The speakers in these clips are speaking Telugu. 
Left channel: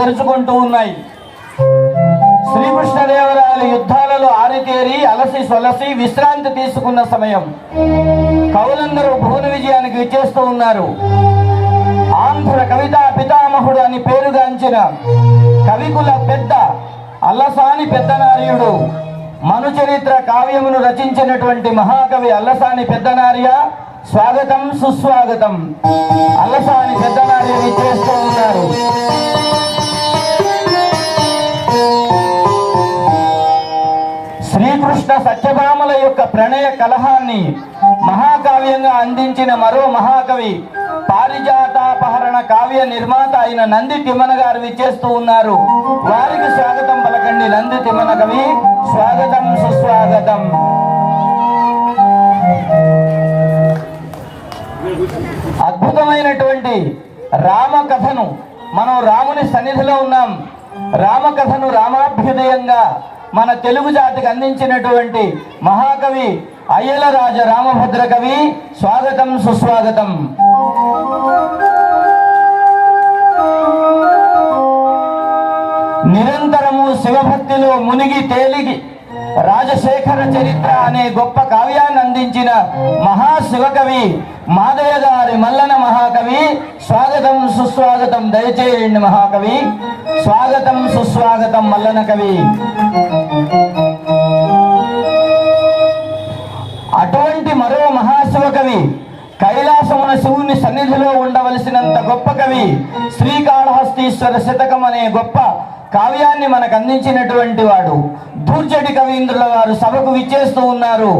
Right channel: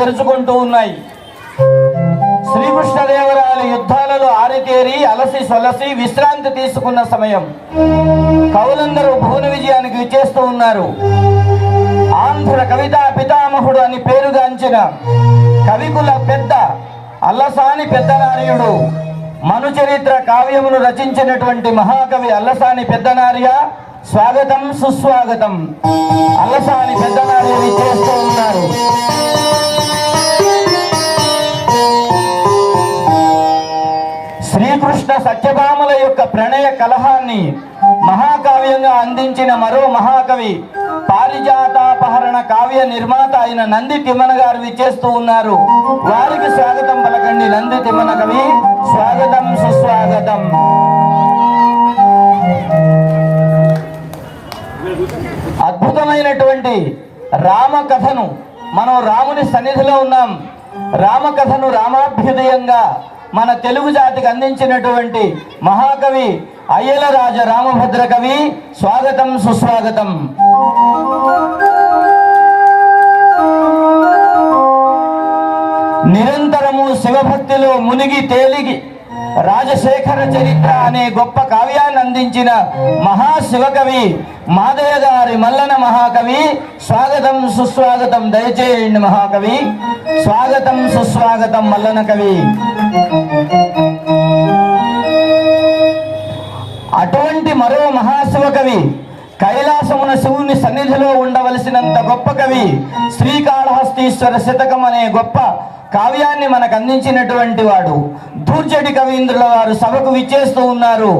తెరుచుకుంటూ ఉన్నాయి. శ్రీకృష్ణదేవరాయల యుద్ధాలలో ఆరితేరి అలసి సొలసి విశ్రాంతి తీసుకున్న సమయం కవులందరూ భువన విజయానికి విచ్చేస్తూ ఉన్నారు. ఆంధ్ర కవితా పితామహుడు అని పేరుగాంచిన కవికుల పెద్ద అల్లసాని పెద్దనార్యుడు మనుచరిత్ర కావ్యమును రచించినటువంటి మహాకవి అల్లసాని పెద్దనార్య, స్వాగతం సుస్వాగతం. అల్లసాని పెద్దనార్య విచ్చేస్తూ ఉన్నారు. శ్రీకృష్ణ సత్యభామల యొక్క ప్రణయ కలహాన్ని మహాకావ్యంగా అందించిన మరో మహాకవి పారిజాతాపహరణ కావ్య నిర్మాత అయిన నంది తిమ్మన గారు విచ్చేస్తూ ఉన్నారు. వారికి స్వాగతం పలకండి. నంది తిమ్మన కవి, స్వాగతం సుస్వాగతం. అద్భుతమైనటువంటి రామకథను మనం రాముని సన్నిధిలో ఉన్నాం. రామకథను రామాభ్యుదయంగా మన తెలుగు జాతికి అందించినటువంటి మహాకవి అయ్యల రాజ రామభద్ర కవి, స్వాగతం సుస్వాగతం. నిరంతరము శివభక్తిలో మునిగి తేలిగి రాజశేఖర చరిత్ర అనే గొప్ప కావ్యాన్ని అందించిన మహాశివకవి మాదయ్య గారి మల్లన మహాకవి, స్వాగతం సుస్వాగతం. దయచేయండి మహాకవి, స్వాగతం సుస్వాగతం మల్లన కవి. అటువంటి మరో మహాశివకవి, కైలాసమున శివుని సన్నిధిలో ఉండవలసినంత గొప్ప కవి, శ్రీకాళహస్తీశ్వర శతకం అనే గొప్ప కావ్యాన్ని మనకు అందించినటువంటి వాడు దూర్జటి కవీంద్రుల వారు సభకు విచ్చేస్తూ ఉన్నారు.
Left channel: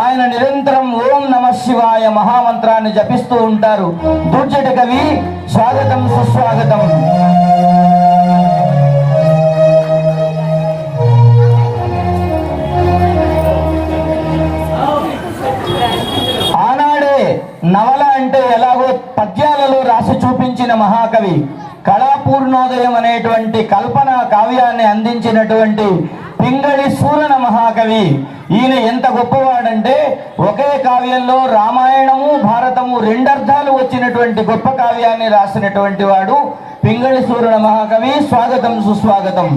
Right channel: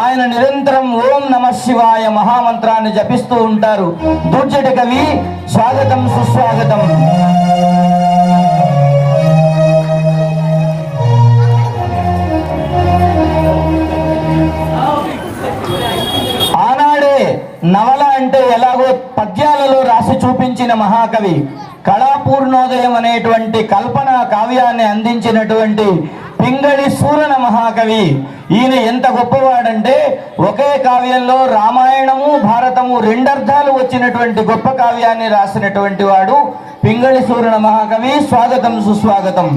ఆయన నిరంతరం ఓం నమ శివాయ మహామంత్రాన్ని జపిస్తూ ఉంటారు. దూర్జటి కవి, స్వాగతం సుస్వాగతం. ఆనాడే నవల అంటే ఎలాగో పద్యాలలో రాసి చూపించిన మహాకవి, కళాపూర్ణోదయం అనేటువంటి కల్పన కావ్యాన్ని అందించినటువంటి పింగళి సూరన మహాకవి. ఈయన ఎంత గొప్పవాడంటే ఒకే కావ్యంలో రామాయణము భారతము రెండర్థాలు వచ్చినటువంటి గొప్ప కావ్యాన్ని రాసినటువంటి వాడు పింగళి సూరన మహాకవి, స్వాగతం సుస్వాగతం.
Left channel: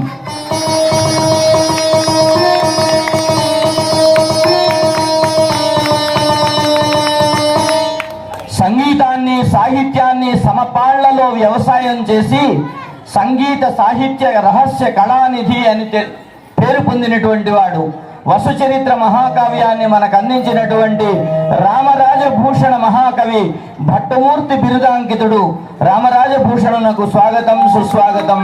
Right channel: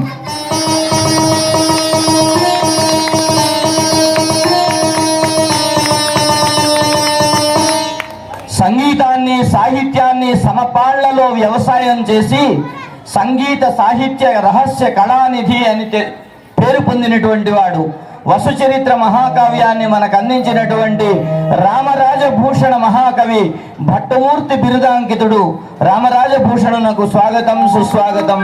సంగీతాన్ని సాహిత్యాన్ని సమపాళ్లలో వ్యవసాయం చేసి సంగీత సాహిత్య రహస్య కళానిధి అని పేరు పొందినటువంటి వాడు, వసుచరిత్ర మహాకావ్యాన్ని మనకు అందించినటువంటి రామరాజభూషణ మహాకవి, భట్టమూర్తి బిరుదాంకితుడు రామరాజభూషణునకు స్వాగతం సుస్వాగతం.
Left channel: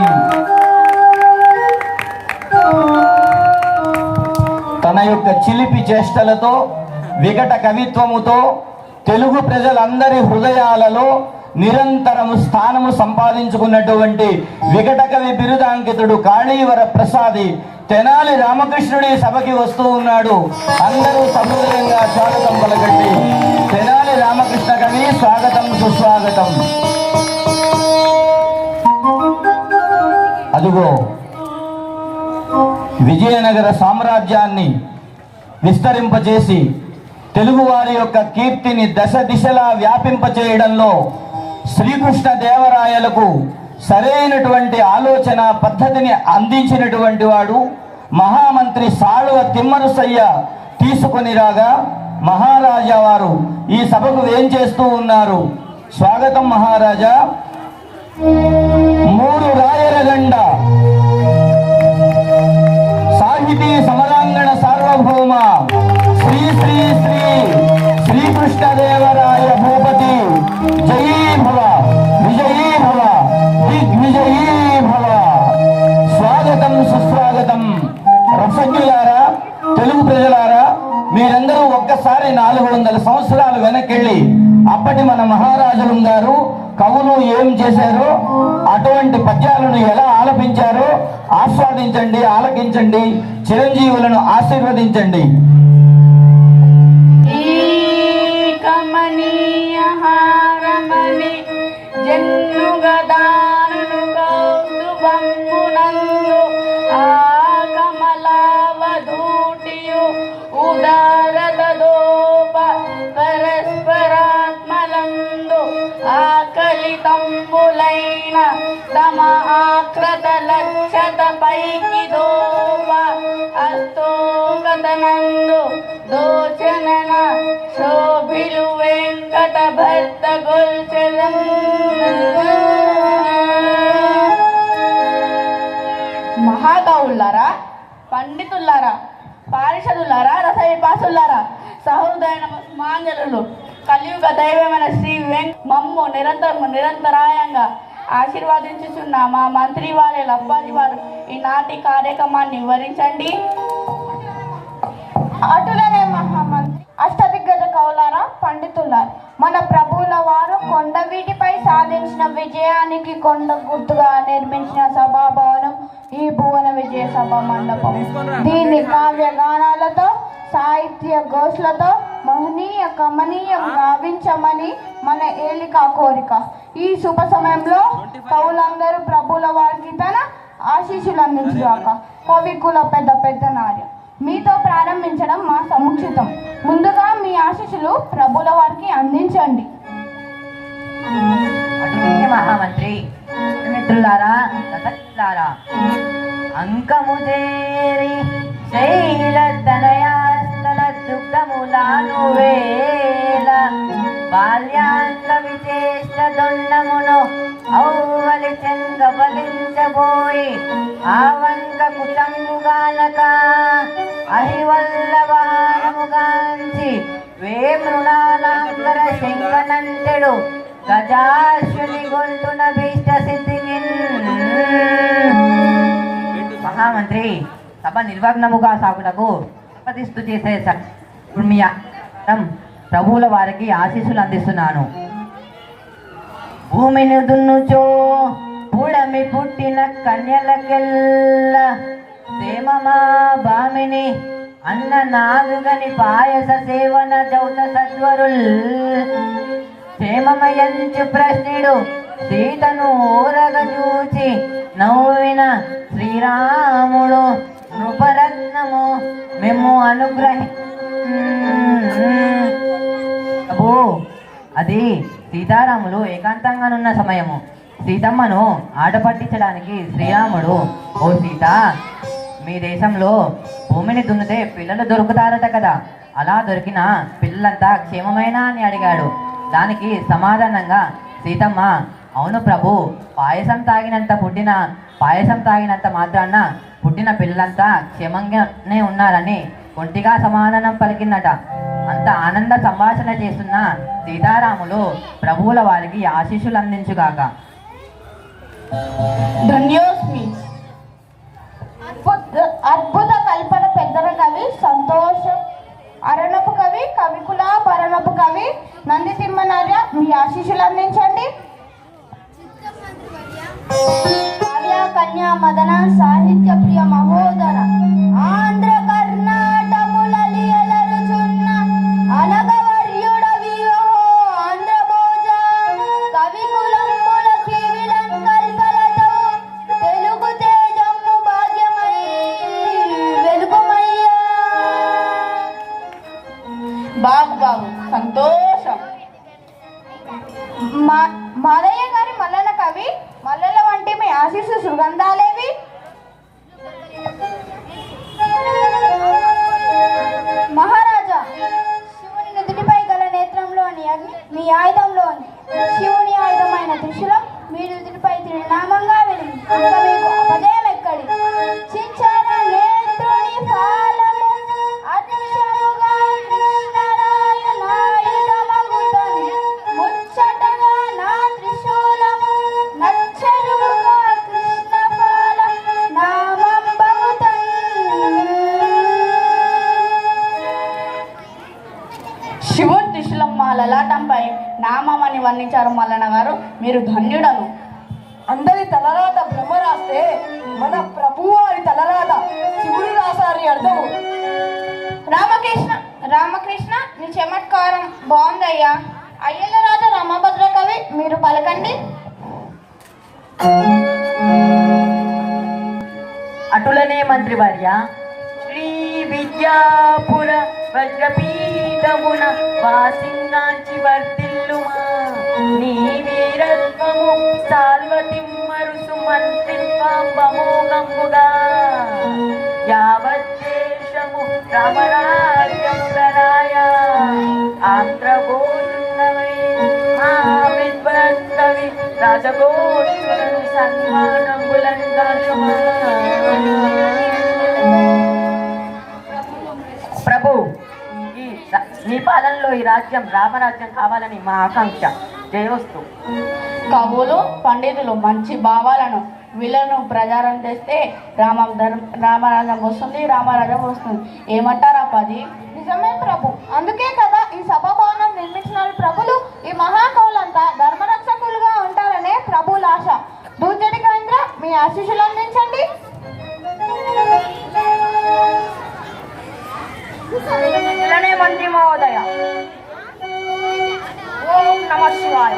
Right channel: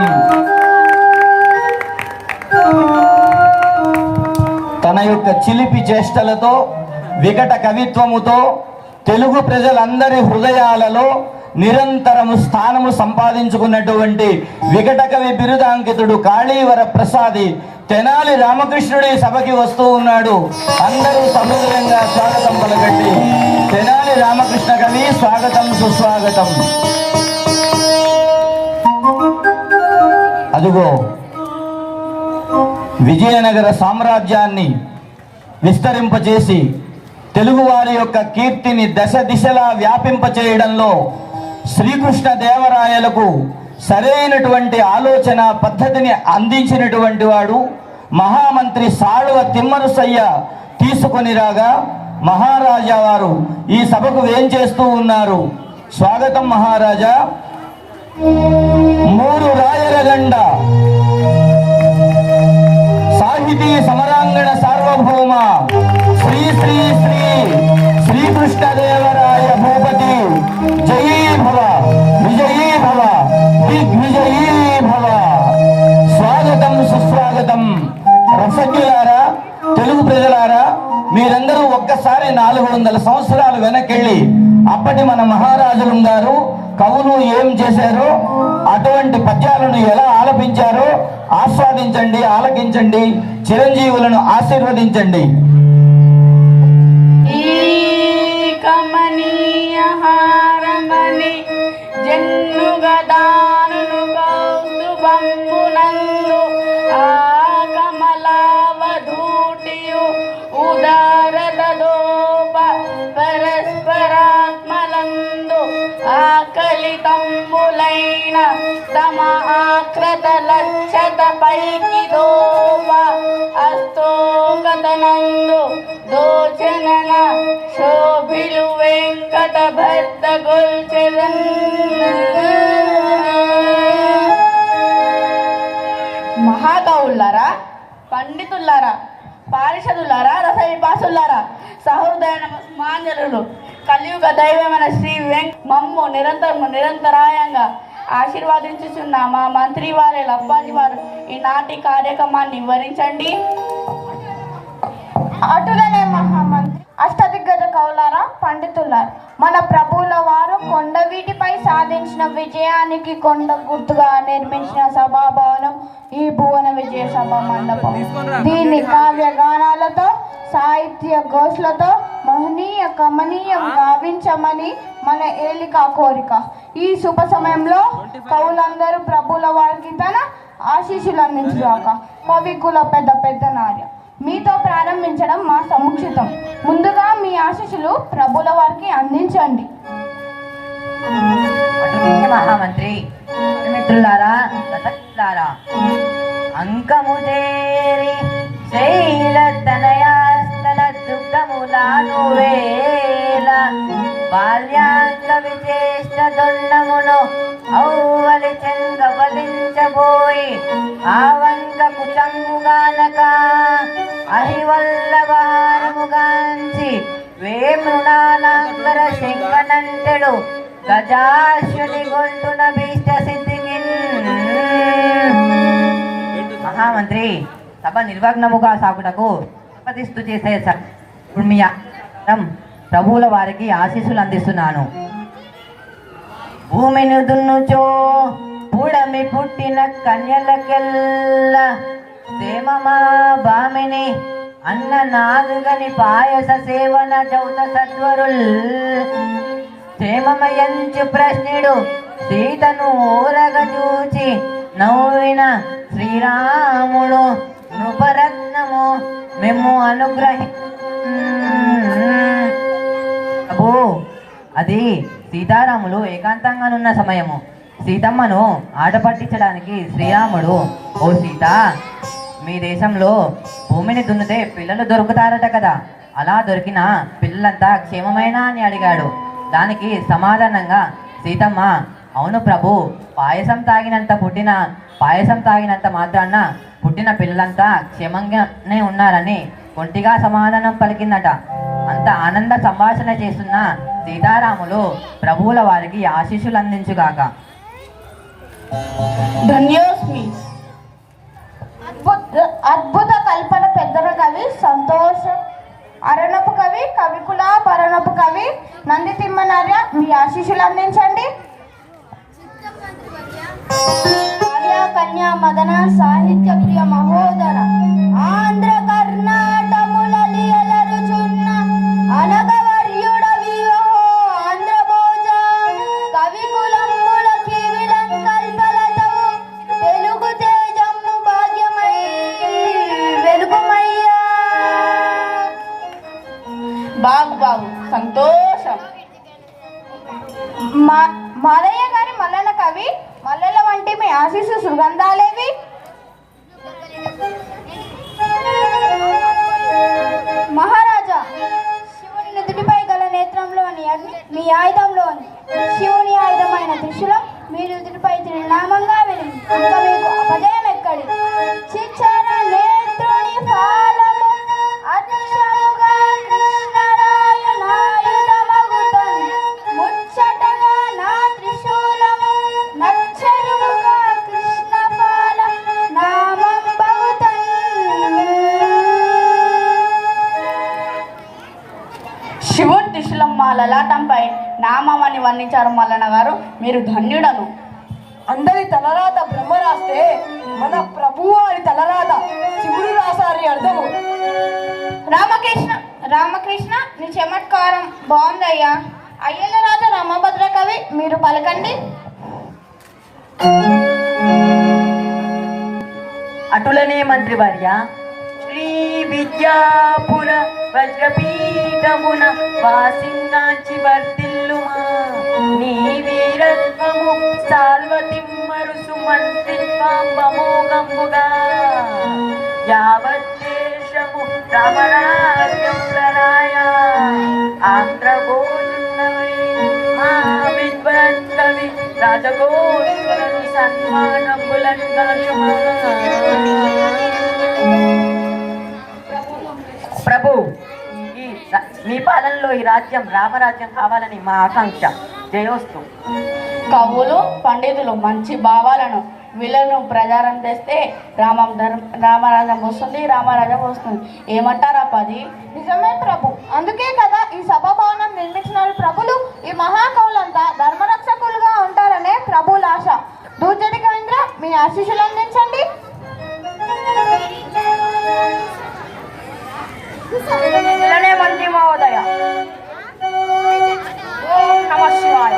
తన యొక్క చిలిపి చేష్టలతో వికట కవిత్వముతో తెలుగు ప్రజలందరి హృదయాలలో నిరంతరము స్థానము సంపాదించుకున్నటువంటి వికట కవి బిరుదాంకితుడు కాళీవర ప్రసాది తెనాలి రామకృష్ణుడి సభకి వస్తూ ఉన్నాడు. అందరూ సమూలంగా స్వాగతం పలకండి. తెనాలి రామకృష్ణ కవి, స్వాగతం సుస్వాగతం. అదుగో విజయనగర సామ్రాజ్యాన్ని విస్తరింపచేసి తెలుగు వారి యొక్క కీర్తిని దశ దిశలా వ్యాపింపచేయడంలో శ్రీకృష్ణ దేవరాయలకు సరైనటువంటి ఆలోచన పద్ధతిని అందించినటువంటి వాడు మహామంత్రి సాళువ తిమ్మరుసయ్య తీసుకొని రాగా మహారాజా వారు ఈ సభకు ఏం చేస్తూ ఉన్నారు? స్వాగతం మహారాజా. మూడు రాయరగండ సాహితీ సమరాంగణ సార్వభౌమ శ్రీ శ్రీ శ్రీ శ్రీకృష్ణదేవరాయ భూపతి జయీ భవ, విజయీ భవ, దిగ్విజయీ భవ. స్వాగతం సుస్వాగతం. రసజ్ఞులారా, తెలుగు ప్రజలారా, మీరందరూ ఒక్కసారి 400 సంవత్సరాలు వెనకెళ్ళి అప్పటి మన మహారాజులు ఉన్నారు, కవులు ఏం చేశారో అటువంటి పద్యాలను ఎలా ఆలపించారో ఆస్వాదించండి, ఆలకించండి, చిరంజీవులను ఆశీర్వదించండి. సమహాకృత నందు దోచనన శోభిలు వెంకట భర్త గొల్చెదన్. మహాకవులారా, పండితులారా, పారిషదులారా, రసవిపాసులారా, సహృదయ నమస్మాంజలులు, కలియుగ దైవమైన శ్రీ మమ్ము నిరంతరాయంగా ఆశీర్వాదించుచున్న మా మంత్రి వారి లబ్బాది వారు ఈనాటి కార్యక్రమాన్ని వివరించండి. అటులనే మహామంత్రి, అష్టదిగ్గజ కవులారా, పండితులారా, మన ప్రభువుల వారు కొండవీటిపై సాధించిన విజయానికి కొండ గుర్తుగా నిర్మించిన సభాభవనం ఈ భువన విజయ సభ మండపం. దీన్ని కావ్య గానాలతో, సాహిత్య ఘోషలతో మహనీయ కమనీయం గావించమని మన ఏలిక కోరిక. ఈ శుభ సమయంలో కవులందరూ ప్రభుల వారికి తన ఆశీస్సులు అందించుగాక. కవికుల పెద్ద నార్య మీతో ప్రారంభించడం మా సముచితం. ముందుగా మీ ఆశీస్సులు ప్రభుల వారికి అందించండి. మహామంత్రి, మిత్రులారా, రథలారా, అంకము చేరి శైల తనయాస్తల దుఃఖములాను వేల బాల్యాంక విచేష్ట దొండమును ఔవలి చెంగ బలించబోయి ఆవంక కుటంబుగానక అహివల్లవారముగాంచి వేమృణానాంతర శంకనంతడు గజాశ్వని గొల్తున భీష్ట సిద్ధిగిన్. మహామంత్రి, సభ నిర్వగ్నముగా సాగుటకు తపతిస్తూ చేసే మీ ప్రభువుల వారికి ఆశీస్సులు అందిస్తున్నాను. భూమిని దున్నుచో పుడమి పుట్టిన కన్యలకెల్ల సేమమా బామిని అన్న నాదుగని పాయస సేవన చౌత సత్వరుల్ క్షేమమయంచు ప్రశ్నుడు సీతను ఓరగ చూచి నవ్విన శ్రీరాముడు నృపరత్నము మేము అనుగ్రహి అది సీతారాములు ఏకాంతంగానున్న సమయము. సీతమ్మను ఆట పట్టించడానికి శ్రీరాముడు, ఓ సీత, మీ దేశంలో భూమిని దున్నితే పిల్లలు దొరుకుతారట కదా, అలా దొరికిన పిల్లలంతా క్షేమమేనా అని అడిగాడు. దానికి సమాధానంగా సీతమ్మ, అవును ప్రభు, పాయసం తాగినంత మాత్రాన పుట్టిన పిల్లలంతా క్షేమంగానే ఉన్నారని ఒంటిగా సమాధానం పలికిందట. అంత ఆనంద సంభాషణ చేస్తున్న సీతారాములు ప్రభువుల వారికి ఆశీస్సులు అందించుగాక. ధన్యోస్మి. అద్భుత కల్పన పెద్దల కవి సంతోష అరణపు కవి కవికుల పరణపు కవి నంది తిమ్మనార్య మీ ఆశీస్సులు అందించండి. కన్యా మదన సాహిత్య ప్రియ మహోదర ఆంధ్ర కర్ణాటములలియలరుచున్న అనగవర్యుడవియో ఆంధ్ర భోజ కవి కులంబుల కివిలంకల్పలతో తెలుగు తేజము భాగ్యమై వెలుగుమయ్యా. బాగు సంతోషం. మాదయ్య గారి మల్లన కవి మల్లెల వంటి మీ ఆశీస్సు సుగంధాలేవి. మహారాజా, శివుని నుదుటిపై గల నేత్రంలోని అగ్ని మీ ఆయుధంలోని శివుని ఆయుధమైన త్రిశూలం మీ నుదుటిపై తిరునామంగా వెలిగి ఇంకా మీకు అపజయం ఎక్కడి. చిచ్చర నేత్రుని ఫాలము అతిశముగా కృష్ణరాయనాయుధమగుతోంది. ముచ్చటగా నా త్రిశూలము నచ్చయుగా కృష్ణ ఫాలం నామంబగుతోంది. శివుని త్రిశూలం మా లలాటంపై నామమని వర్ణించారు మల్లన్న గారు. మీరు ధన్యుడను. అందరి తలరాత బ్రహ్మ రాస్తే మన ప్రభువు వారి తలరాత శివుడు రాసారి అర్థము. రామకృష్ణ నీ చమత్కారం బాగుందయ్యా. అయ్యల రాజా రామభద్ర కవి మీరు పలకండి. అటులనే మంత్రివర్య, శ్రీ విద్యాపుర వజ్రపీఠమున వాసింగాంచి వర్ధిల్లుమా నీ వీరత్వము సాల్వతిమ్మరుసు మంత్రిత్వం బమోగంబుగా యావత్ దేశము రామరాజ్యములరాయ ఆంధ్రగోవిందమై మా విద్వన్ కవి రాజగోష్ఠులను సన్మానములందరూ. ప్రభు, మీ పాలనలో ఈ రాజ్యం రామరాజ్యం కావాలని మా ఆకాంక్ష. జయోస్తు. కవులు పండితులు మంచి భావాలను వీళ్ళను ప్రచారం చేస్తే రామరాజ్యం వస్తుంది, రామరాజ్యం వస్తుంది. ఏమంటారా పది? నిజమే ప్రభు. అందుకే కదా ఈ సభాభవనం నిర్మించిన ప్రభులు ఈ మహాకవులంతా ధర్మరక్షకులుగా ఉంటారనే ప్రభుల ఆశ. దూచడి కేంద్ర మీ ఆశీస్సులు అందించండి. మంత్రి మహోదయ, ఓం నమ శివాయ.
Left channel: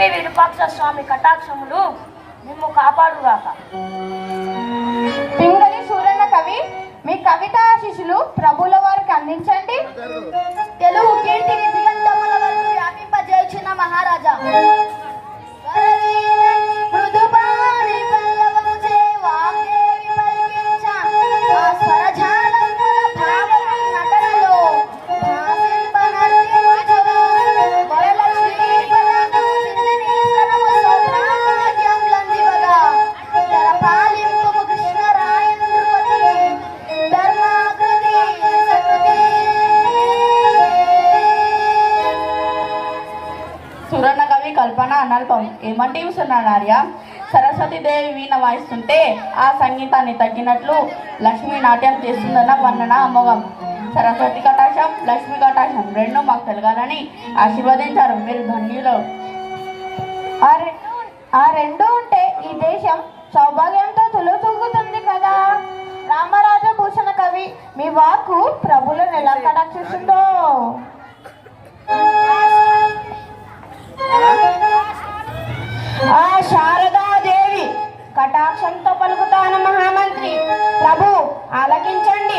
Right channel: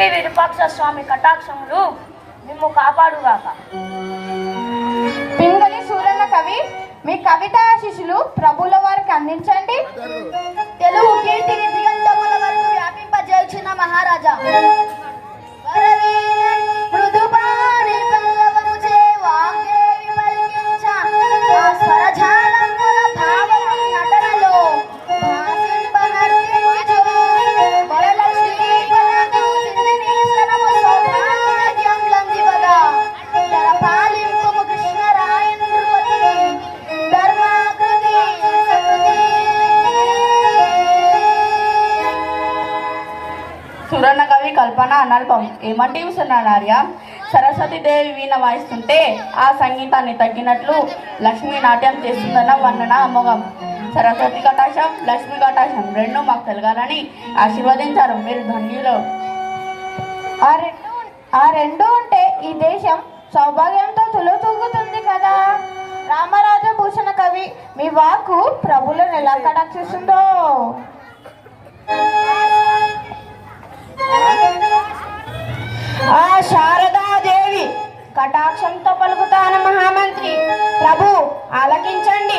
విరూపాక్ష స్వామి కటాక్షములు మేము కాపాడుగాక. పింగళి సూరన్న కవి మీ కవిత ఆశీస్సులు ప్రభుల వారికి అందించండి. తెలుగు కీర్తిని దిగంతముల వరకు వ్యాపింపజేసిన మహారాజా మృదుపాని పల్లవముచే వాంగేవి పలికించ ఆ స్వరజాలముల భావము నటనలో భాసింపనర్తించుచు వరలక్ష్మీ పదము సిద్ధిని స్తనము సౌభాగ్యములందివగా తరపాలింపుము కృష్ణరాయేంద్రువతి ధర్మాకృతి సకృతి. సురన్న కవి కల్పన అనల్పం. ఏమంటివి సున్నాడార్య? సరస్వతీదేవి వీణ వాయిస్తుంటే ఆ సంగీతాన్ని తగ్గినట్లు లక్ష్మీ నాట్యం చేస్తుందన్న వర్ణన అమోఘం. సరస్వతి కటాక్షం, లక్ష్మీ కటాక్షం రెండు మాకు కలగాలని ఆశీర్వదించారు. మీరు ధన్యులు. ఆ రెండు ఉంటే ఈ దేశం సౌభాగ్యంతో తులుతూగుతుంది కదా. రామరాజభూషణ కవి మీ వాక్కు ప్రభులను ఎలా కటాక్షిస్తుందో. ఆ శారదాదేవి కటాక్షంతో పలుకుతాను మహామంత్రి. ప్రభు ఆలకించండి.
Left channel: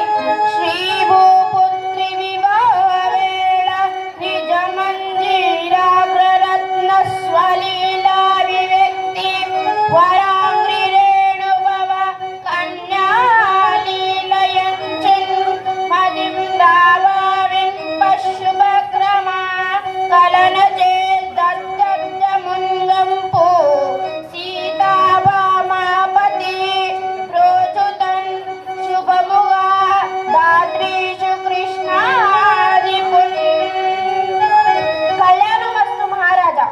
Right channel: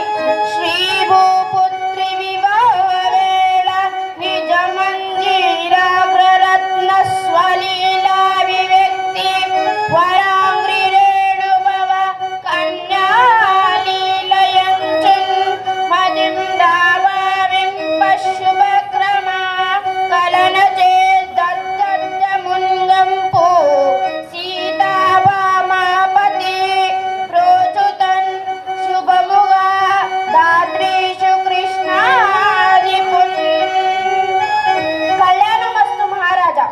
శ్రీ భూపుత్రి వివాహ వేళ నిజ మందిరాగ్రరత్న స్వలీలా వివ్యక్తి వరాంగ్రి రేణుభవ కన్యాలీలయంచున్ మదిం దావావిం పశుభక్రమా కలన చేద్దద్దముంగంపు సీతాభామాపతి ప్రోచుతన్ శుభముగా దాత్రీషు కృష్ణాదిపున్. కళ్యాణమస్తు మహారాజా.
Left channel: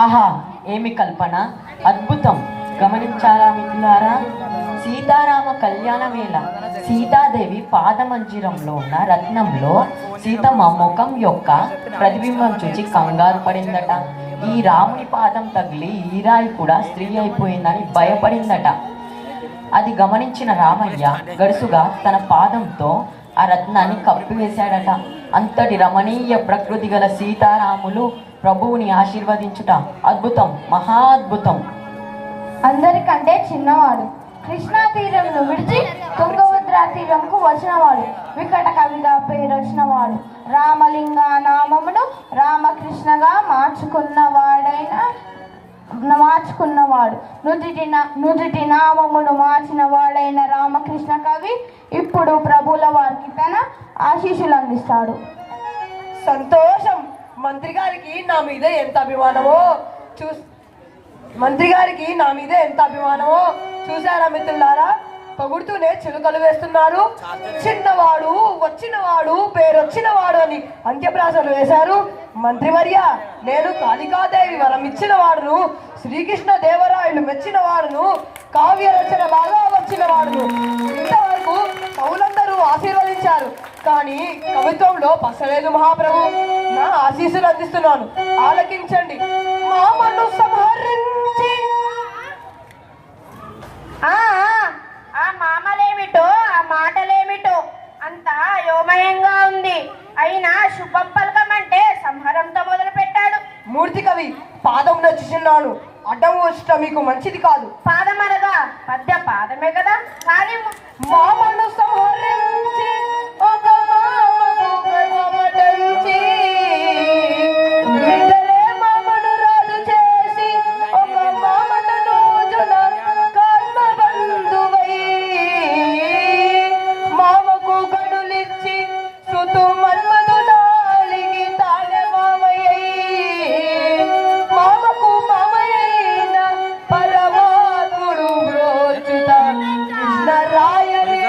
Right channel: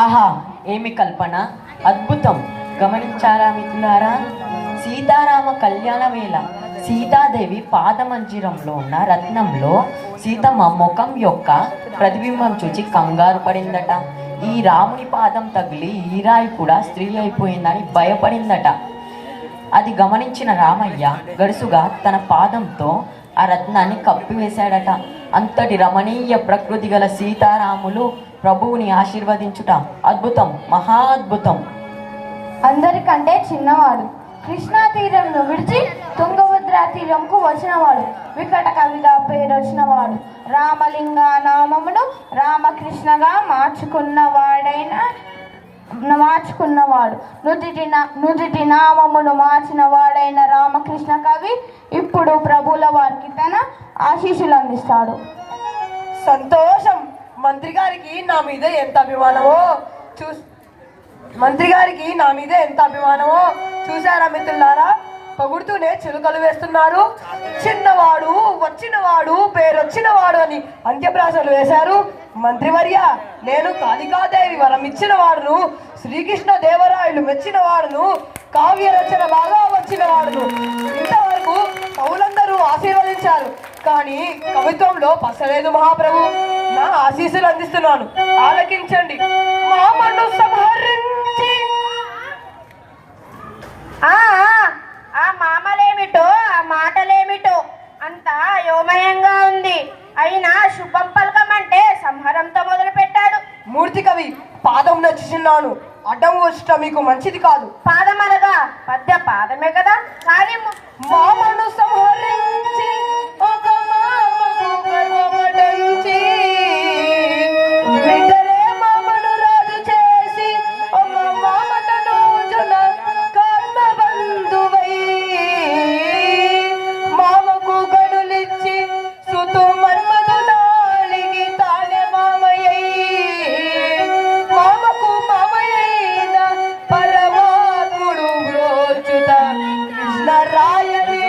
ఆహా, ఏమి కల్పన, అద్భుతం. గమనించారా మిత్రులారా? సీతారామ కళ్యాణ వేళ సీతాదేవి పాదమంజిరంలో ఉన్న రత్నంలో సీతమ్మ ముఖం యొక్క ప్రతిబింబం చూచి కంగారు పడిందట. ఈ రాముని పాదం తగిలి ఈ రాయి కూడా స్త్రీ అయిపోయిందని భయపడిందట. అది గమనించిన రామయ్య గడుసుగా తన పాదంతో ఆ రత్నాన్ని కప్పివేశాడట. అంతటి రమణీయ ప్రకృతి గల సీతారాములు ప్రభువుని ఆశీర్వదించుట అద్భుతం, మహా అద్భుతం. అందరికంటే చిన్నవాడు, కృష్ణా తీరంను విడిచి తుంగభద్ర తీరంకు వచ్చినవాడు, వికట కవిగా పేరొచ్చినవాడు, రామలింగ నామమును రామకృష్ణగా మార్చుకున్నవాడు, నుదుటి నామమును మార్చిన వాడైన రామకృష్ణ కవి ఇప్పుడు ప్రభుల వారికి తన ఆశీస్సులు అందిస్తాడు. సంతోషం. మంత్రి గారికి నా మీద ఎంత అభిమానమో చూసారా మిత్రులారా? పొగుడుతూనే చిలుకలు వేస్తున్నారు. చిన్నవాడు, వచ్చినవాడు, పేరొచ్చినవాడు అని అంత్యప్రాసలు వేశారు. మంత్రివర్య, నేను కాళికాదేవి వరం ఇచ్చిన వాడును, శ్రీకృష్ణ దేవరాయలు మెచ్చిన వాడును, కావ్య రచన బాగా వచ్చిన వాడును. ఇంతవరకు కవులందరూ ఆశీర్వదించారు, కానీ కవిత్వంలో పసలేదు మహాప్రభు. నా ఆశీస్సులు అందిస్తున్నాను, ఆలకించండి. మామను సంహరించి ఆ మామలేమిటో ఆ మాటలేమిటో అంతా అయోమయంగా ఉంది. అయినా శుభం పలకమంటే సంహారంతో మొదలు పెట్టాడు. మూర్తి కవి పాదం నచ్చుచున్నాను. అడ్డం వచ్చట మీకు మంచిది కాదు. పాదమనగా పద్య పాదమే కదా. కానీ మామను సంహరించి ఒక మామడంచి బిడ్డలే మామను రాజు చేసి ఒక మామను రోజున కర్మ బంధువై మామకు గడులిచ్చి సుతు మన్మధు నాలిగి తానే మామయ్యై మామకు మామయ్యైన పరమాత్ముడు బ్రోచుత కృష్ణరాయని.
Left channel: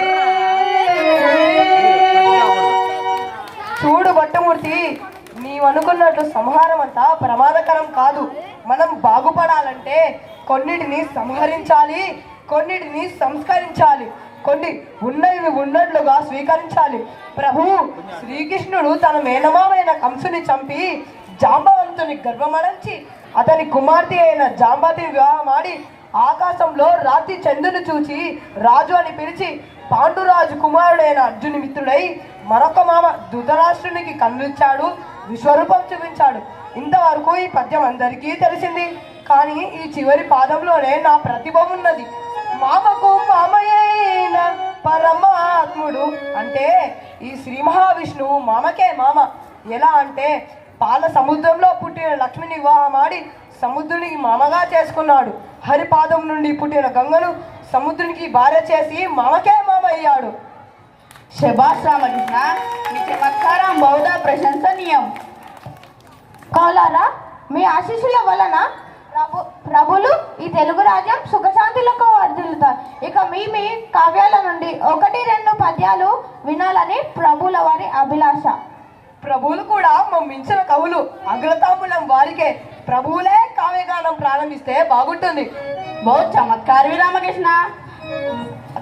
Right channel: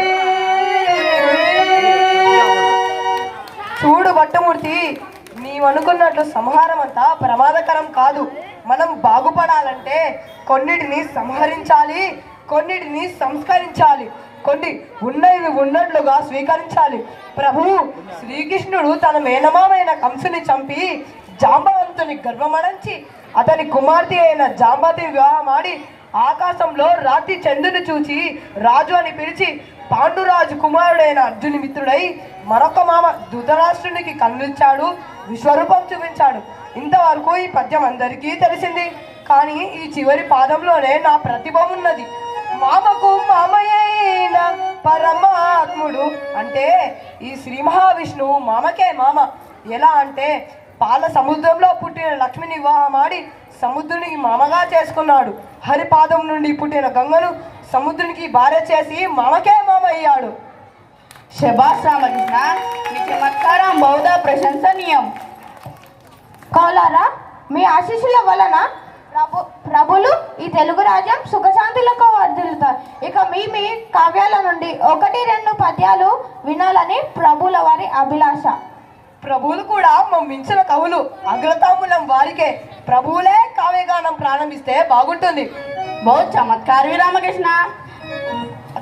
చూడు భట్టమూర్తి, నీవనుకున్నట్లు సంహారం అంతా ప్రమాదకరం కాదు. మనం బాగుపడాలంటే కొన్నిటిని సంహరించాలి, కొన్నిటిని సంస్కరించాలి, కొన్ని ఉన్నవి ఉన్నట్లుగా స్వీకరించాలి. ప్రభు శ్రీకృష్ణుడు తన మేనమామైన కంసుని చంపి జాంబవంతుని గర్భమణంచి అతని కుమార్తె అయిన జాంబతిని వివాహమాడి ఆకాశంలో రాత్రి చంద్రుని చూచి రాజు అని పిలిచి పాండురాజు కుమారుడైన అర్జుని మిత్రుడై మరొక మామ ధృతరాష్ట్రునికి కన్నుచ్చాడు, విశ్వరూపం చూపించాడు. ఇంతవరకు ఈ పద్యం అందరికీ తెలిసింది. కానీ ఈ చివరి పాదంలోనే నా ప్రతిభ ఉన్నది. మామకు మామయ్యైన పరమాత్ముడు అంటే ఈ శ్రీ మహావిష్ణువు మామకే మామ. ఎలా అంటే పాల సముద్రంలో పుట్టిన లక్ష్మిని వివాహమాడి సముద్రునికి మామగా చేసుకున్నాడు. హరిపాదం నుండి పుట్టిన గంగను సముద్రునికి భార్య చేసి మామకే మామ అయ్యాడు. శభాష్ రామకృష్ణ, మీ చమత్కారం బహుదా ప్రశంసనీయం. కౌలారా, మీ ఆశీస్సుల వలన ప్రభులు ఈ తెలుగు రాజ్యం సుఖశాంతులకు వర్ధిల్లుతారు. ఇక మీ కావ్యాల నుండి 1-2 పద్యాలు వినాలని ప్రభుల వారి అభిలాష. ప్రభువులు కూడా మించిన కవులు, అగ్రతాంబులం వారికే. ప్రభువులే కావ్యగానం ప్రారంభిస్తే బాగుంటుంది. బహు చమత్కారి రామకృష్ణ.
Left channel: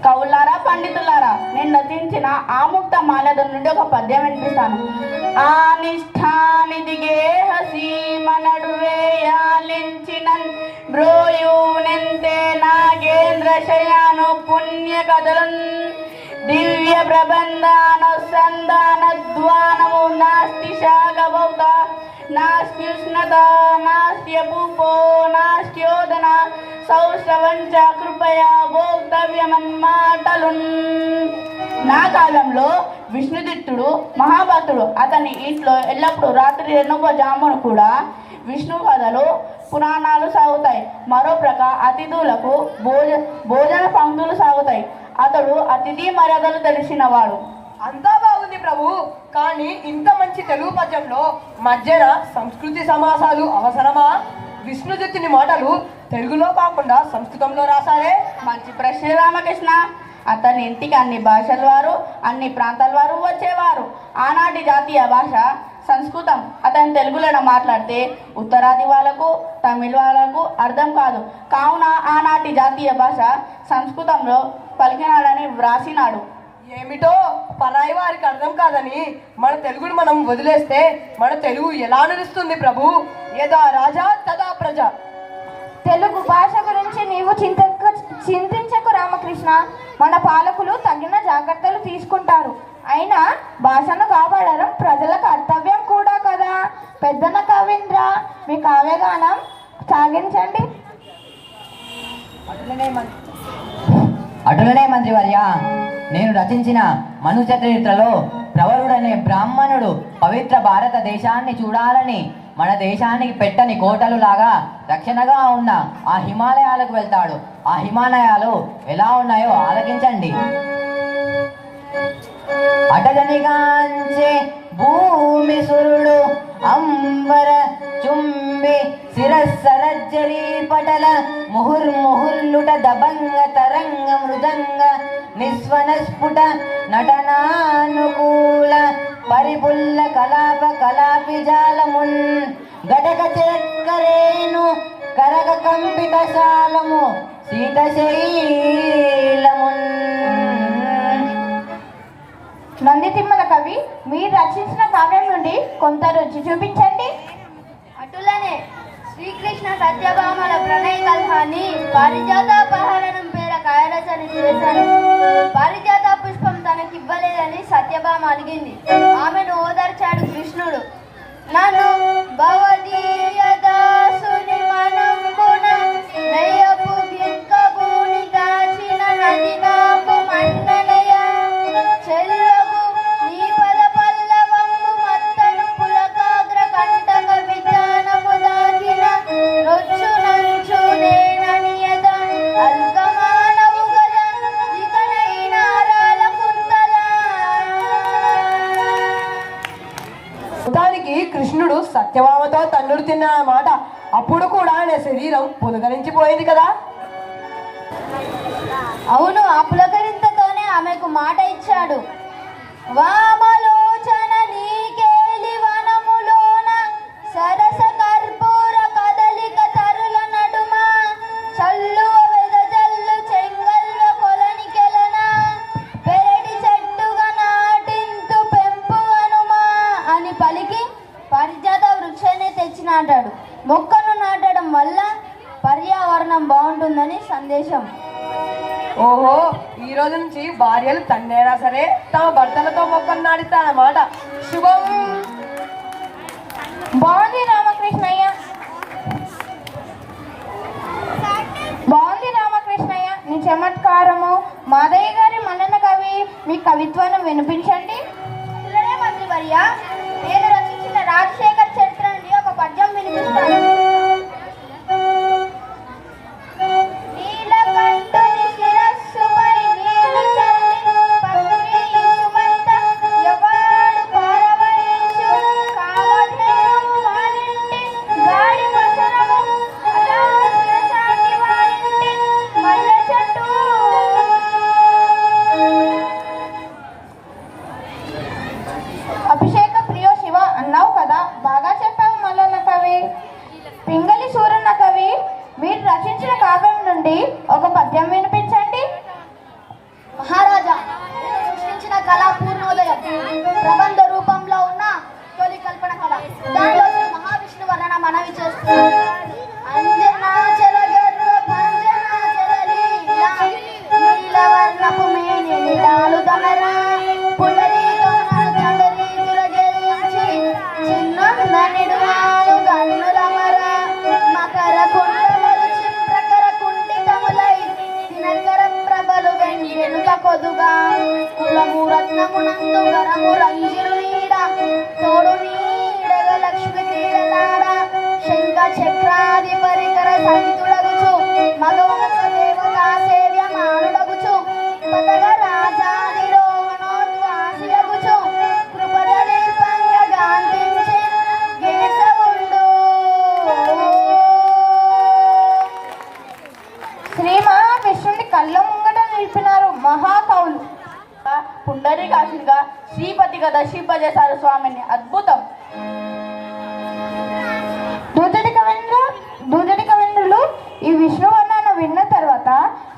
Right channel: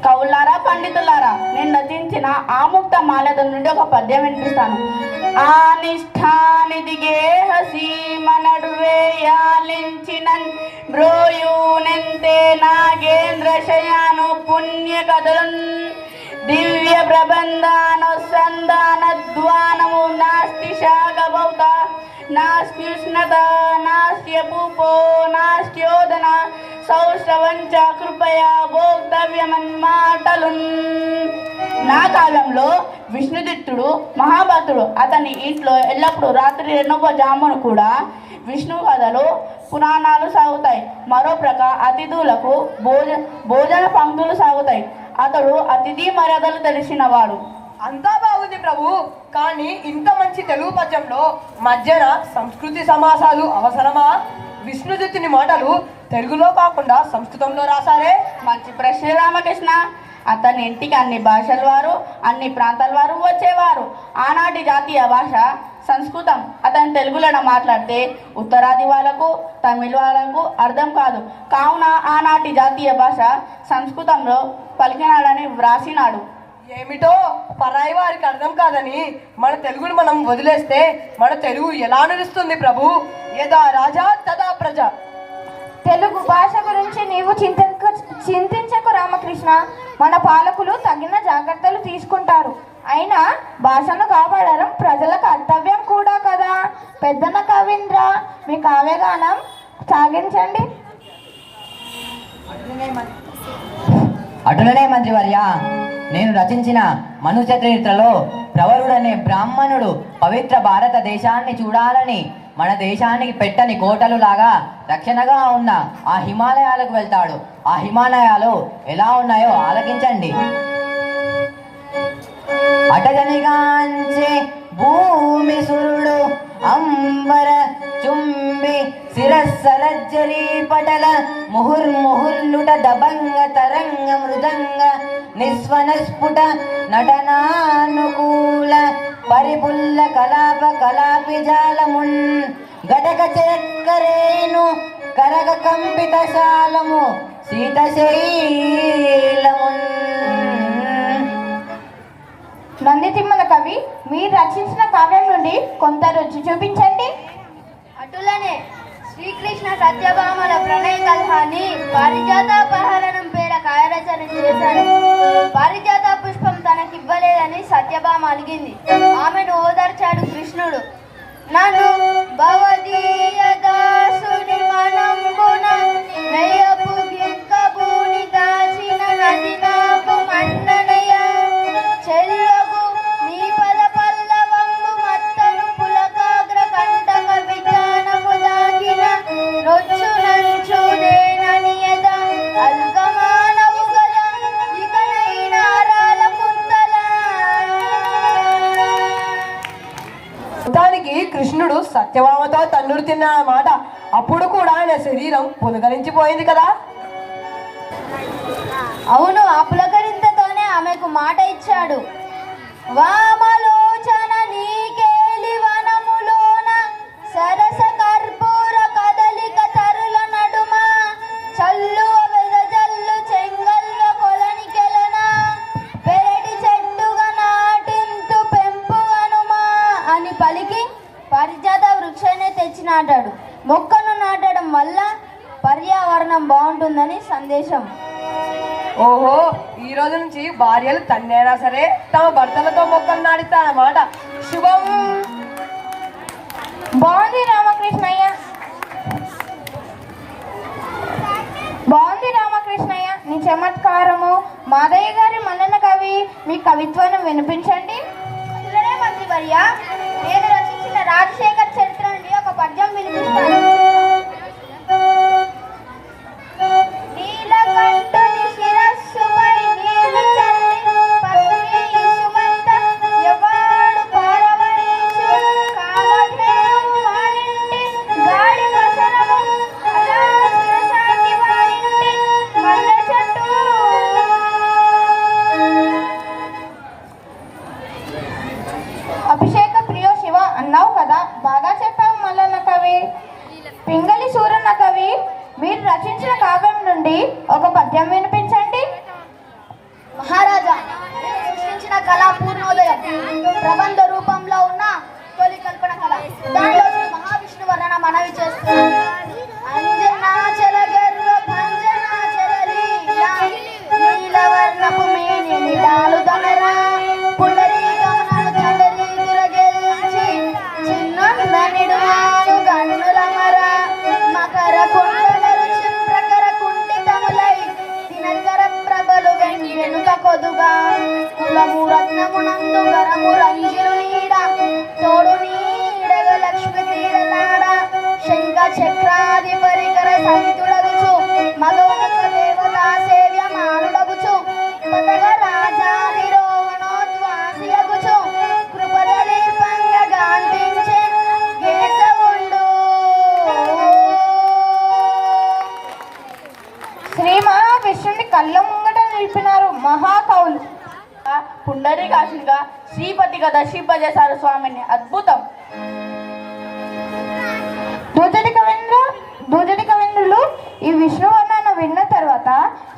కవులారా, పండితులారా, నేను రచించిన ఆముక్త మాలద నుండి ఒక పద్యం వినిపిస్తాను. ఆ నిష్ఠానిదిగే హసీమ నడువేయాలించినన్ బ్రోయూనెంతే నాగేంద్ర శయాను పుణ్య కథలున్ దివ్య ప్రబంధానుసంధానద్వానము నాస్తి శాగబౌత నాస్త్యుష్ణత నాస్త్యపూపో నాస్త్యోదన సౌశ్రవంచ కృపయా భోక్తవ్యమన్మాటలున్. నా కాలంలో విష్ణుదిత్తుడు మహాభక్తుడు. అతని ఇంట్లో ఎల్లప్పుడూ రాత్రి 2వ జామును కూడా విష్ణు కథలు పురాణాలు సాగుతాయి. మరో ప్రకారం అతిథులకు భోజన పంక్తులు సాగుతాయి. అతడు అతిథి మర్యాదలు తెలిసినవాడు. అంతా బాగుంది ప్రభు, కానీ ఇంత మంచి తెలుగు పద్యంలో మధ్యన సంస్కృతి సమాసాలు అవసరమా? విష్ణుదత్తుని మాటలు తెలుగులో కాకుండా సంస్కృతంలో రాశారే. మంచి ప్రశ్న రామకృష్ణ. అతని ఇంటికి అన్ని భాషల వారు, అన్ని ప్రాంతాల వారు వచ్చేవారు. ఆనాటి జాతీయ భాష సంస్కృతం. అతను తెలుగులో మాట్లాడితే ఉత్తరాది వాళ్ళకు, తమిళ వాళ్ళకు అర్థం కాదు. కావున ఆనాటి జాతీయ భాష సంస్కృతంలో పలికినాడని వ్రాసినాడు. ఏమిటో పరాయి వారికి అర్థం కాదని మన తెలుగును మనం వదిలేస్తే మన తెలుగు ఎలా నిలుస్తుంది ప్రభు? యదా రాజా తదా ప్రజ. తెలుగు భాష గురించి నీవు చింతించకు రామకృష్ణ. మన పాలకులు తగిన జాగ్రత్తలు తీసుకుంటారు. అయినా భాషను కాపాడడం ప్రజల కర్తవ్యం కూడా కదా. పెద్దన కవీంద్ర, మీ కావ్యగానం సాగించండి. అటులనే మంత్రివర్య, నేను రచించిన మను చరిత్రలో ప్రవరుడనే బ్రాహ్మణుడు పవిత్ర భారతదేశాన్ని చూడాలని మన దేశానికి పెట్టని కోటలు లాగా రక్షణగా ఉన్న ఆ హిమాలయాలకు వెళ్తాడు. ఆ హిమాలయాలు ఎలా ఉన్నాయో ఆలకించండి. అటజనిగాంచే భూమి సురుడు అంబర చుంబి శిరస్సరజ్జలి పటల ముహుర్ముహుర్లుట దబంగ తరంగ మృదంగ నిస్వనస్ఫుట నటనానుకూల పరిపుల్ల కలాప కలాపి జాలమున్ గటక చక్కరేను కరగ కంపిత శాలము శీతశైలమున్. నందితిమ్మల కవి, మీరు రచించిన కావ్యం నుండి కొంత రుచి చూపించండి. అటులనే శ్రీకృష్ణ సత్యభామల ప్రణయ కల్హాన్ని పారిజాతాపహరణం పేర కాయరచన చేశారు. పారిజాత పుష్పం తనకివ్వలేదని సత్యభామ అలిగింది. ఆమెను ఓదార్చాడు కృష్ణుడు. నన్ను భవదీయ దాసుని మనంబున నయపు గిక్కబూని దాచిన నది నాకు మండనయ చెల్లకు నీ పద పల్లవంబు మత్తను పులకాగ్ర కంటక విజ్ఞానము దాచిన రొచ్చు నంచునేననియద అల్కమానవు గల ఇకనైనా రాల కుంతల. మొత్తానికి కృష్ణుడు సత్యభామతో తన్నుడు తిన్నమాట. అప్పుడు కూడా ఆయన శరీరం పులకరించిపోయింది కదా. అవును, ఆ పులకరింతతోనే ఆమెకు మాట ఇచ్చాడు. వామలోచన నీకేలి వనములోన సరస కర్పూర కదలిక తరుల నడుమ చల్లువ వెదజల్లు చెంగల్వ కొలనికెలన పెరటి చెట్టుగా నాటింతు పెంపుగనుమా అని పలికి పారిజాత వృక్షాన్ని తెచ్చి నాటాడు. మొక్కను నాటడం వల్ల పర్యావరణం బాగుంటుందని సందేశం. ఓహో, ఈ రోజు నుంచి భార్యలు తండ్రైనా సరే తమ భర్తలతో మొక్కలు నాటిస్తారన్నమాట. శుభం. బాగుంది రామకృష్ణయ్య, బాగుంది రామకృష్ణయ్య నీ చమత్కారము. మాదయ్య గారి మన్నన కవి, మీ కవిత్వాన్ని వినిపించండి. ఇలానే మంత్రివర్య, నేను రచించిన రాజశేఖర్ చరిత్ర నుండి ఒక పద్యం వినిపిస్తాను. నీలకంఠుని శిరస్సుపై నీరు చల్లి పత్రి సుమంత యవాడు పారవరించు కామధేను వారింటి గాడి మసనము అలాను శిరసాటి వారింటి మల్లె చెట్టు. అభిషేక ప్రియో శివ అన్నావు కదా, బాగా చెప్పావు మల్లన్న కవి. పింగళి సూరన్న కవి, మీరు రచించిన కావ్యం నుండి ఒక పద్యం వినిపించండి. మహారాజా, నేను సృష్టించిన కళా పూర్ణోదయం ప్రబంధ రూపంలో ఉన్న తొలి కల్పన కళ. దానిలో శ్రీ మహావిష్ణు వర్ణన మనవి చేస్తున్నాను. అంజనాచల గర్వ భంజనాచల లీలా నీలవర్ణపు మేని నిలాలు దొనరా పుండరీకమునను తండరీకుల గెలిచి చిన్నందనిడు వారు గన్నులమరా మకర కుండలరు చిప్రకర కుండితములై దినకర ప్రభలు వెంగెనుత కొదుగా కులము రత్నమునందు గరము రంజిరు నీడ తోడు నీడగ లక్ష్మి క్రీడలాడ శంఖ చక్రాది పరికర సహితుడగుచు మగవాక దేవతా సేవ్య మానుడగుచు పదగ రాజాదిరోహణోద్వాసియగుచు కృపదలీపంగ గాంధించే గేసవుండు. శ్రీ మహావిష్ణుని కళ్ళ ముంగట నిలిపినారు మహాకవులు. పుండరీకాక్షునిగా శ్రీపతిగా దర్శింపజేశారు స్వామిని. అద్భుతం. దూజటి కవింద్రులు ఈ విష్ణు వర్ణన విన్న తర్వాత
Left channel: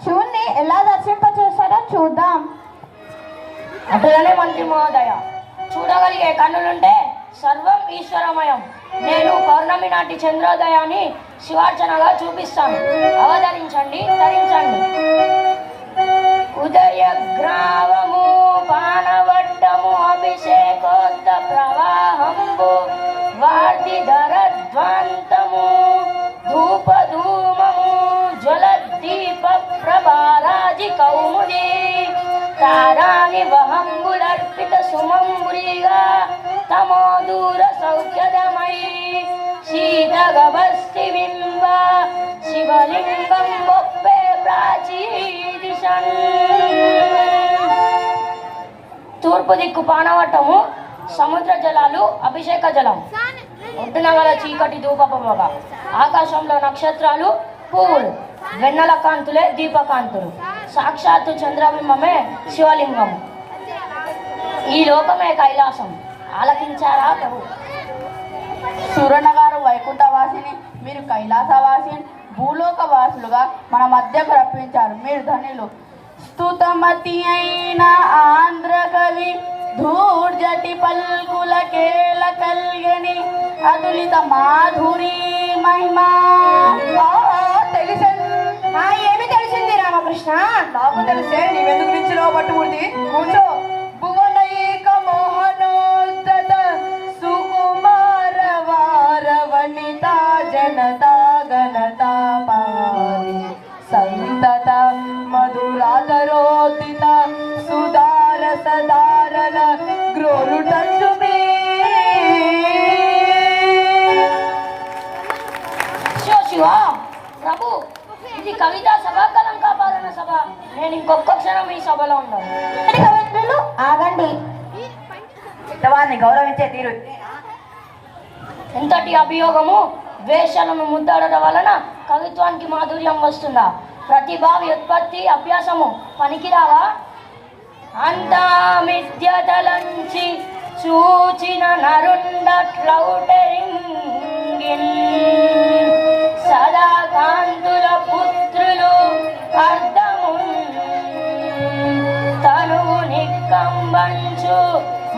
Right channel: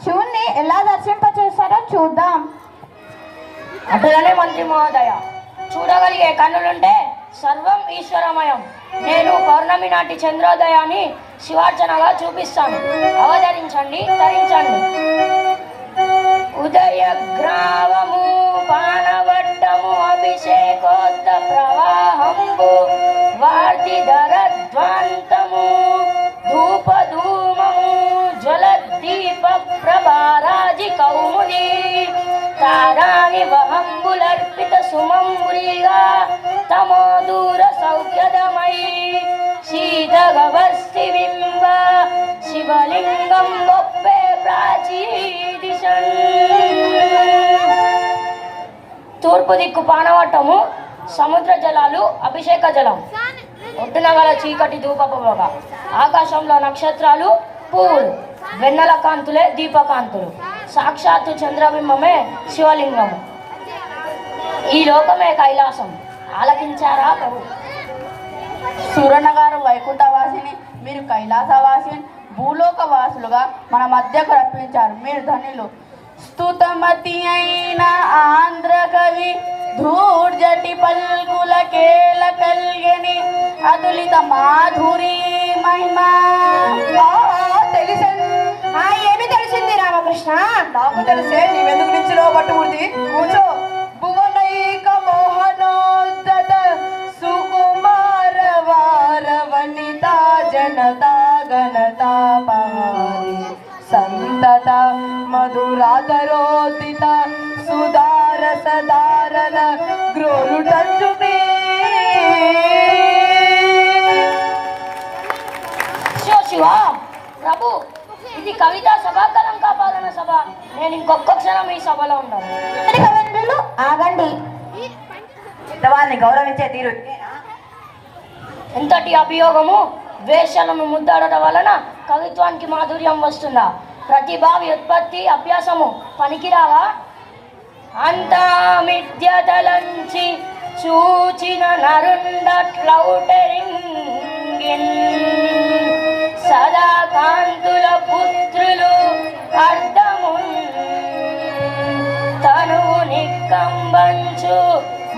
శివుణ్ణి ఎలా దర్శింపచేస్తారో చూద్దాం. అటులనే మంత్రి మహోదయ, చూడగలిగే కన్నులుంటే సర్వం ఈశ్వరమయం. నేను పౌర్ణమి నాటి చంద్రోదయాన్ని శివార్చనగా చూపిస్తాను. అవతరించండి, తరించండి. ఉదయ గ్రావము పానవట్టము అభిషేకోత్త ప్రవాహంబు వార్తి ధరధ్వాంతము ధూపధూమము జ్వలద్దీప ప్రభారాజి కౌముది తారాని వహంబులర్పిత సుమంబురిగా తమో దూర సౌఖ్యదమై శీతగవస్తి బింబ శివలింగం గొప్పే ప్రాచీ దిశన్. తూర్పు దిక్కు పానవట్టము సముద్ర జలాలు అభిషేక జలం. ఒడ్డున గల చీకటి ధూపపొగ, ఆకాశంలో నక్షత్రాలు పువ్వులు, వెన్నెల కాంతులే దీపకాంతులు, సాక్షాత్తు చంద్రబింబమే శివలింగము. ఈ లోకమే కైలాసం. ఆలకించారా ప్రభు? సూరన్న గారు వైకుంఠవాసిని, మీరు కైలాసవాసిని, భూలోక వాసులుగా మన మధ్యకు రప్పించారు. మీరు ధనులు. స్తుతమతి అయిన ఆంధ్ర కవి ధూర్జటి పల్గుల కేళ కల్గని అతులిత మాధురి మహిమ తెలిసే ఏమి తెలిసింది రామకృష్ణ? నాకు తెలిసే నీవెందుకు నిచ్చిలో పట్టుమూర్తి కూర్చో. భువనైక మోహనోద్ధత సుకుమార వార వనిత జనతా గణతా పారి సంతత మధురాధరోదిత సుధార సదారణ గ్రోలుటంచుమే. శివ ప్రభు, ఇది కవితా సభాకరం కాపాలన సభ. నేను ఇంకొక క్షణం ఈ సభలో ఉన్నాను. కవింద్రులు ఆగండి. వారిని గౌరవించే తీరు ఎంతటి అభియోగము వేషలను ముద్దాడటం వలన కవిత్వానికి మాధుర్యం వస్తుందా? ప్రతిభా వ్యుత్పత్తి అభ్యాసము పనికిరావా? అంతా మిథ్యతలంచి చూచిన నరుండట్లౌటరింగిన్ సదా కాంతుల పుత్రులు అర్థము తనువు నిక్కంబంచు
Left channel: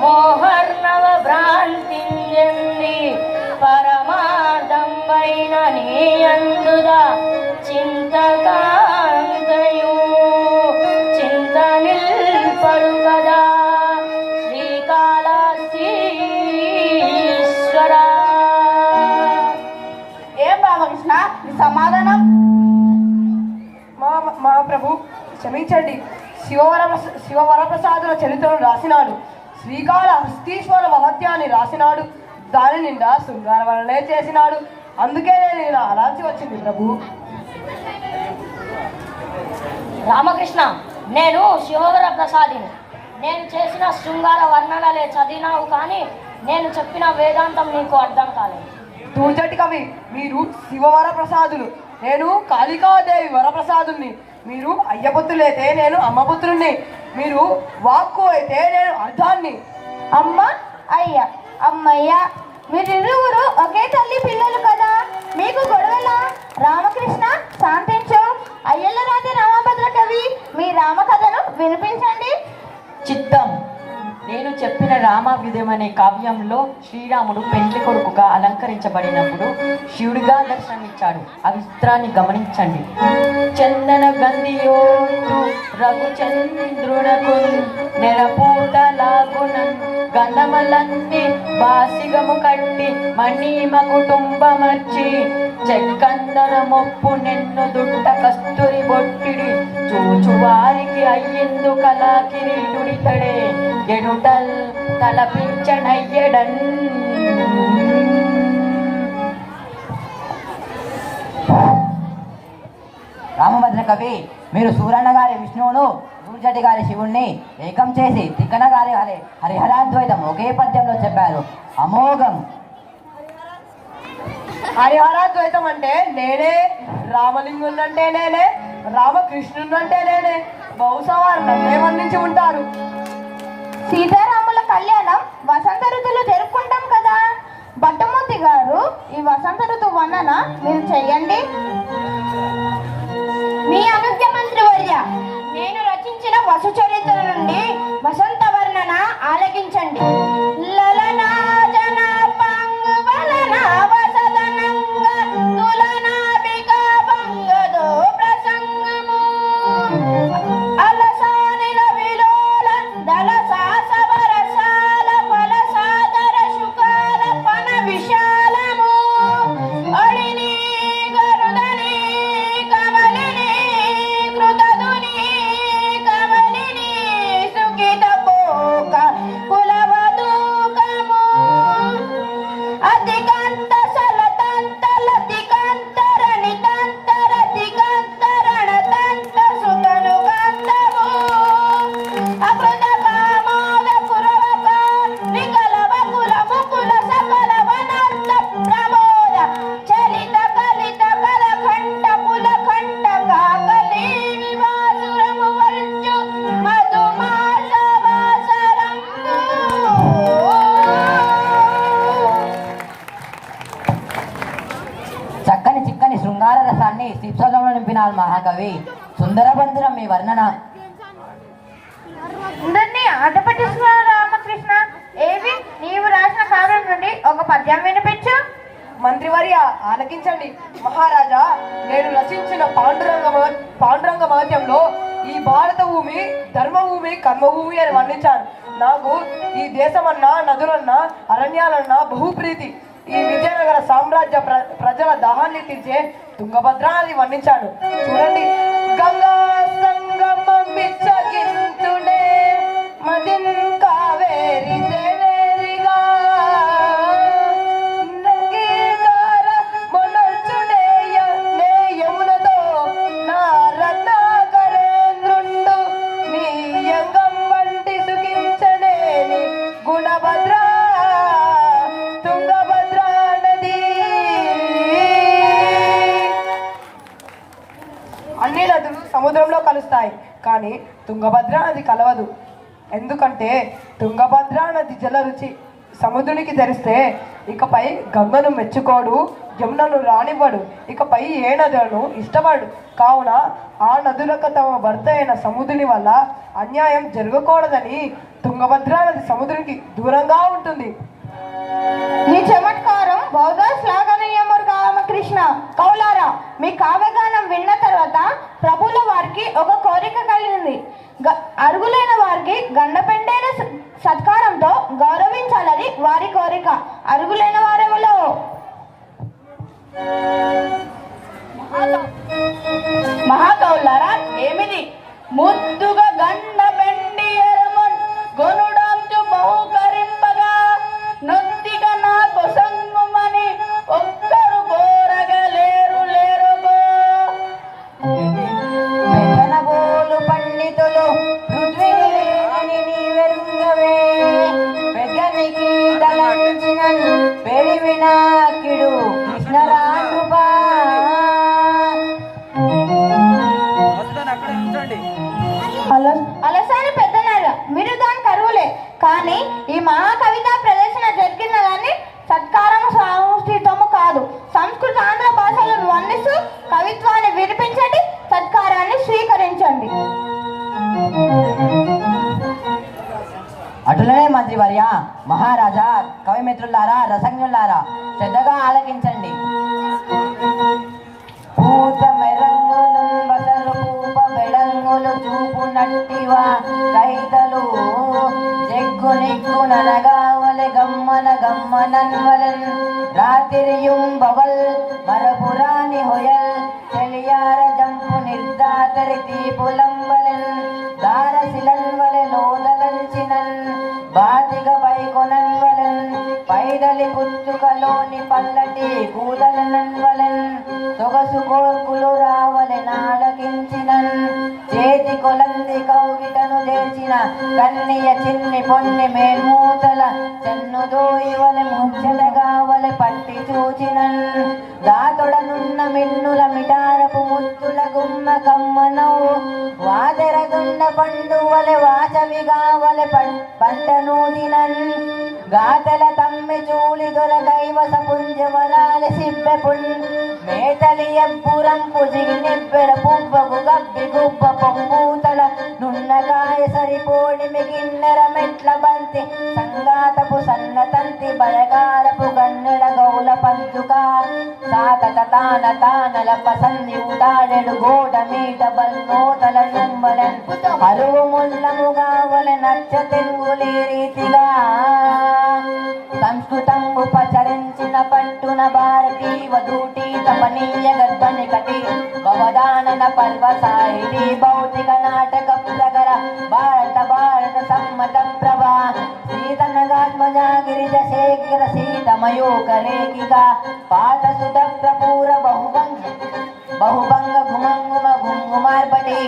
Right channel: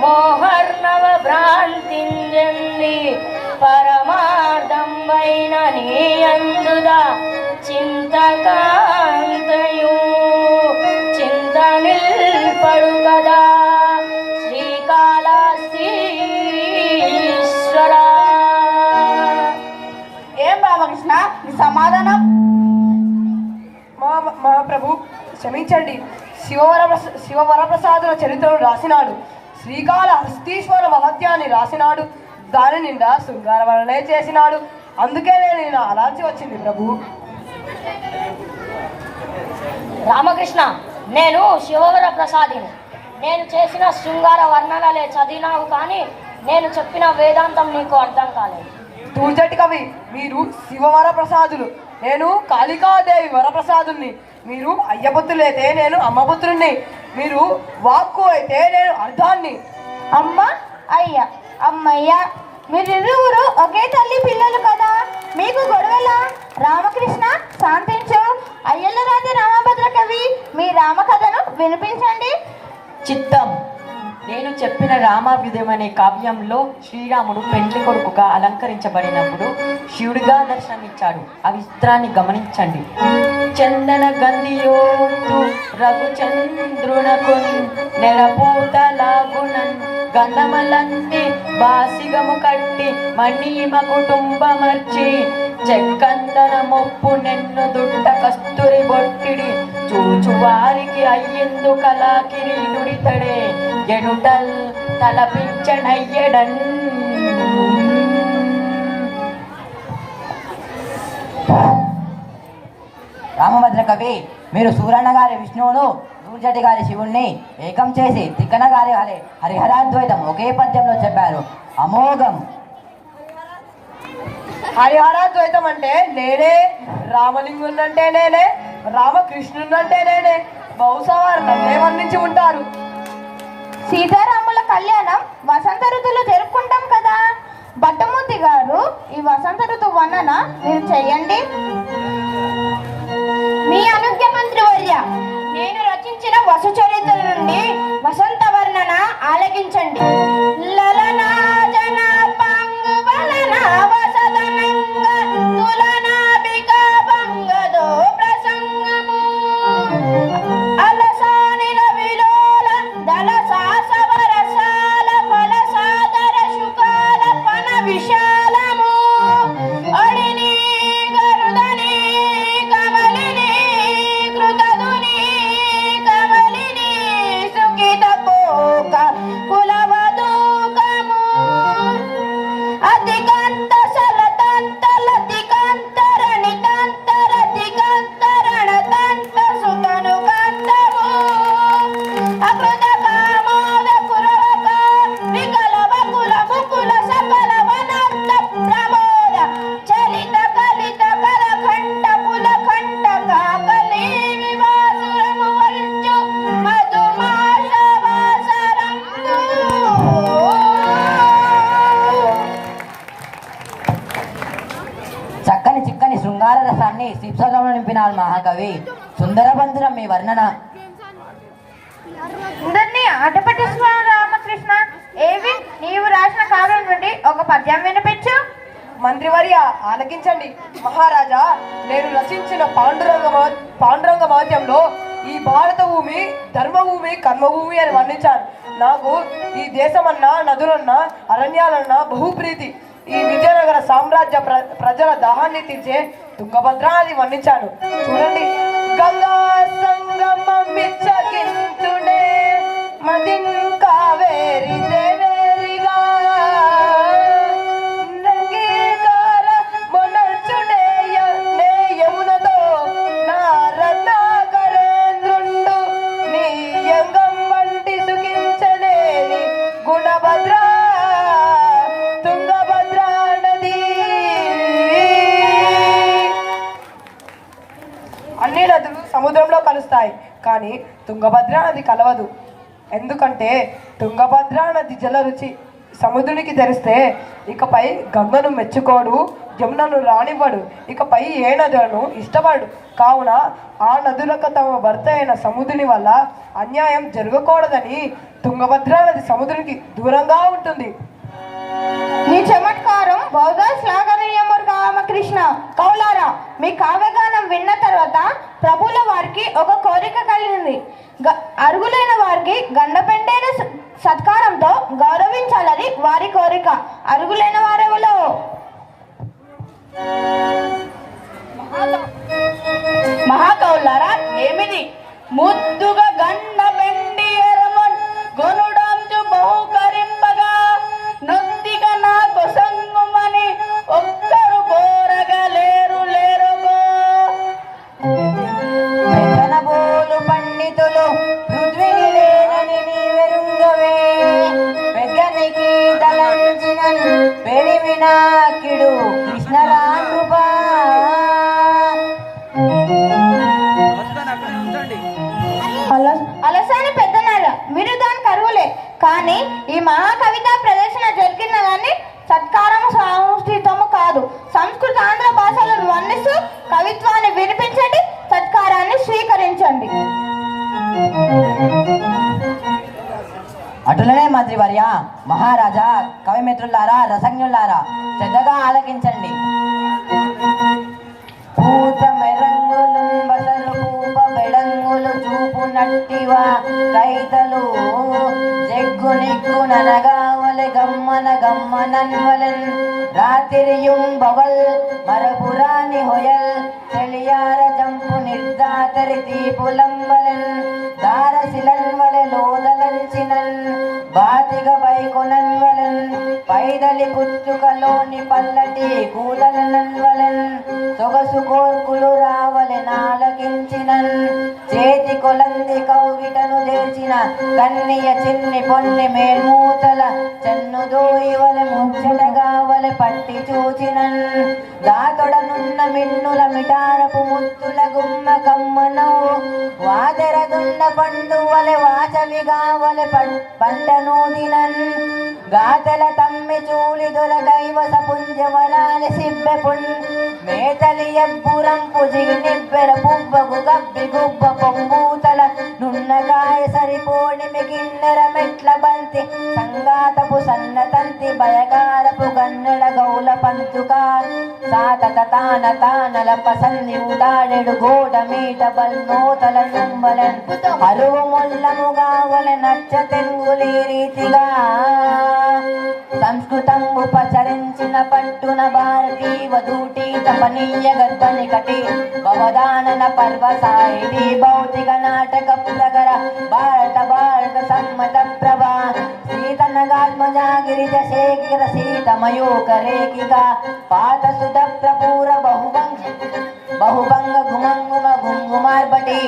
మోహర్ణవ భ్రాంతింజంది పరమార్థంబైన నీయందుదా చింతకాంతయు చింత నిల్పడు కదా శ్రీకాళహస్తీశ్వర. ఏం రామకృష్ణ మీ సమాధానం? మా ప్రభు క్షమించండి. శివవరప్రసాదుల చరిత్రను రాసినాడు. శ్రీకాళహస్తీశ్వర మహత్యాన్ని రాసినాడు. దాని నిండా శృంగార వర్ణనే చేసినాడు. అందుకే నేను ఇలా అలాల్సి వచ్చింది ప్రభు. రామకృష్ణ, నేను శివవర ప్రసాదిని. నేను చేసిన శృంగార వర్ణనలే చదివినావు, కానీ నేను చెప్పిన వేదాంతం నీకు అర్థం కాలేదు. తూచటి కవి, మీరు శివవరప్రసాదులు, నేను కాళికాదేవి వరప్రసాదుల్ని. మీరు అయ్యపుత్రులైతే నేను అమ్మపుత్రుణ్ణి. మీరు వాక్కు అయితే నేను అర్థాన్ని. అమ్మ అయ్య అమ్మయ్య, మీరిరువురు ఒకే తల్లి పిల్లలు కదా, మీకు గొడవలా? రామకృష్ణ శాంతించు. అయ్యల రాజు రామభద్ర కవి మీ రామకథను వినిపించండి. చిత్తం. నేను చెప్పిన రామాభ్యుదయం అనే కావ్యంలో శ్రీరాముడు పెండ్లి కొడుకుగా అలంకరించబడినప్పుడు శివుడిగా దర్శనమిచ్చాడు. ఆ విచిత్రాన్ని గమనించండి. చందన గంధియోతు రఘుచంద్రునకున్ నెరపూతలాగునన్ గంధమలన్ని బాసిగము కట్టి మణిమ కుటుంబమర్చి చెక్కందన మొప్పు నెన్ను దుట్ట కస్తూరి బొట్టిడి చూచు వారికి అయ్యిందు కళా కిరీటుడితడే ఎడుటల్ తలపించనయ్యడన్. రామభద్ర కవి, మీరు సూరన్న గారి విష్ణువును, దూర్జటి గారి శివుణ్ణి ఏకం చేసి తిక్కన గారి హరిహరాద్వైతం ఒకే పద్యంలో చెప్పారు. అమోఘం. హరిహరాద్వైతం అంటే నేనే, రామలింగుని అంటే నేనే, రామకృష్ణుని అంటే నేనే. బహుశా వారు నన్నే వర్ణించి ఉంటారు. సీతారాముల కళ్యాణం వసంత ఋతువులో జరుపుకుంటాం కదా. భట్టమూర్తి గారు ఈ వసంత ఋతు వర్ణన మీరు చెయ్యండి. మీ అనుజ్ఞ మంత్రి వర్య, నేను రచించిన వసు చరిత్ర నుండి వసంత వర్ణన ఆలకించండి. లలనా జన పంగువలన వసదనంగ తులనాభిక భంగదో ప్రసంగము అలసానిల విలోల దళసాసవరసాల ఫలసాదర శుకాల పన విశాలము అడిని గరుదని కమలిని కృతదుని కమలిని సుఖిత పోక కులవదూకము అధికంత సలతంతల దిగంతరణి తంతర దిగంతరణ తంత సుతను గంధము అపద కామోద కురవక వికలవ కుల ముకుల సకల వనంత ప్రమోద చలిత కలిత కలఖండ పులఖండ కాకలి వివాసురము వర్జు మధుమాస వాసరంగు. చక్కని చిక్కని శృంగార రసాన్ని శిప్సంలో నింపినారు మహాకవి. సుందరబంధురం మీ వర్ణన. అందరినీ ఆట పట్టిస్తున్నారు రామకృష్ణ. ఏవి నీవు రాసిన కావ్యం నుండి ఒక పద్యం వినిపించు. మంత్రివర్య ఆలకించండి. మహారాజా, నేను రచించిన పాండురంగ మహత్యంలో ఈ భారత భూమి ధర్మభూమి కర్మభూమి అని వర్ణించాను. నాకు ఈ దేశమన్నా నదులన్నా అరణ్యాలన్నా బహుప్రీతి. ఈ విజయనగర సామ్రాజ్య ప్రజల దాహాన్ని తీర్చే తుంగభద్ర అని వర్ణించాను. చూడండి. గంగా సంగమం విచ్చగించునే మదిన్ కావేరి దేవేరిగా నంగీదార మొనల్చునేయ నే యమునతో నా రత్నాకరేంద్రుండు నీ యంగం వంటి సుఖించలేని గుణభద్ర తుంగభద్ర నది. అన్ని నదులు సముద్రంలో కలుస్తాయి, కానీ తుంగభద్ర నది కలవదు. ఎందుకంటే తుంగభద్ర నది జల రుచి సముద్రునికి తెరిస్తే ఇకపై గంగను మెచ్చుకోడు, జమునను రానివ్వడు, ఇకపై ఏ నదులను ఇష్టపడు. కావున ఆ నదులకు తమ భర్త అయిన సముద్రుని వల్ల అన్యాయం జరగకూడదని తుంగభద్ర నది సముద్రునికి దూరంగా ఉంటుంది. ఈ చమత్కారం బౌద్ధ శ్లాఘనీయము రామకృష్ణ. కౌలారా, మీ కావ్యగానం విన్న తర్వాత ప్రభుల వారికి ఒక కోరిక కలిగింది. అరుగులైన వారికి గండపెండేరు సత్కారంతో గౌరవించాలని వారి కోరిక. అరుగులైన వారెవలో? మహాకౌలారా, ఏమిది? ముద్దుగా గండ పెండి ఎరమన్ గొనుడాంచు బహుకరింపగా నొత్తిగా నా కొసంగుమని ఒక్కరు కోరగా లేరు లేరుగో. పెద్దనబోలు పండితులు పృథ్వీలేనని నీవెరుంగవే, పెద్దనికి తలంచిన పెరివినాకిడు కృష్ణరాకృపా. అలసాని పెద్దనాల మీరు దాని కరువులే. కానీ ఈ మహాకవిత ప్రదర్శన జరిగినదని సత్కారం సంస్కృతము కాదు. సంస్కృత ఆంధ్ర భాషలను వర్ణిస్తూ కవిత్వాన్ని వినిపించండి, సత్కారాన్ని స్వీకరించండి. అటులనే మంత్రివర్య, మహారాజా, కవిమిత్రులారా, రసజ్ఞులారా, శ్రద్ధగా ఆలకించండి. పూత మెరంగులు బసలు పూప బెడంగులు చూపు నట్టివా కైతలు జగ్గు నిగ్గు ననగావలె గమ్మన గమ్మనన్వలెన్ రాత్రియుం బవల్ మరపురాని హొయల్ చెలియార జంపు నిర్దాతరి తీపులంబలెన్ దారశిలన్వలె లోదలంచినన్ బాతిగ పైకొనన్వలెన్ పైదలి పుచ్చుకలోని పల్లటి కూదలనన్వలెన్ సొగసు కోర్కులు రావలె నాలకించినన్ చేతి కొలంది కౌగిటను చేసిన కన్నియ చిన్ని పొన్ని మేల్మూతల చెన్నుదోయివలె ముచ్చటగావలె పట్టి చూచినన్ దాతొడనున్న మిన్నుల మిటారపు ముత్తుల గుమ్మ కమ్మనవు వాదెరదున్న పండువలె వాచవిగావలె పంటనూదినన్ గాతల తమ్మి చూలి దొరగైవస పుంజవరాలి సిబ్బెపున్ మేతలి ఎప్పురంపు జిగినిప్పెర పువ్వగు గబ్బి గుబ్బ పొంగూతల నున్నగాయ సరిపోని మిగిన్నెర మెట్ల బంతి సంగాతపు సన్నతంతి బయగారపు గన్నెల గౌల పంతుక సాతత తాన తానల పసంది ఉదాడెడు గోడ మీట బల్మోతల తుంబలన్ అరువు ముల్లముగా ఒలె నచ్చ తెంగులి రీతిగా సంస్కృతం ఉపచరించిన పట్టున భారతీ వధూటి తపనీయ గర్భని కటి భవదానన పర్వ సాయిడి భౌతిక నాటక ప్రగర భారత భారత సమ్మత ప్రభా సీతనగాత్మజా గిరిజ శేఖర సీతమయూక రేఖిగా పాత సుధ ప్రపూర బహుభంగ గుమంగుమ గుంగుమార్పటి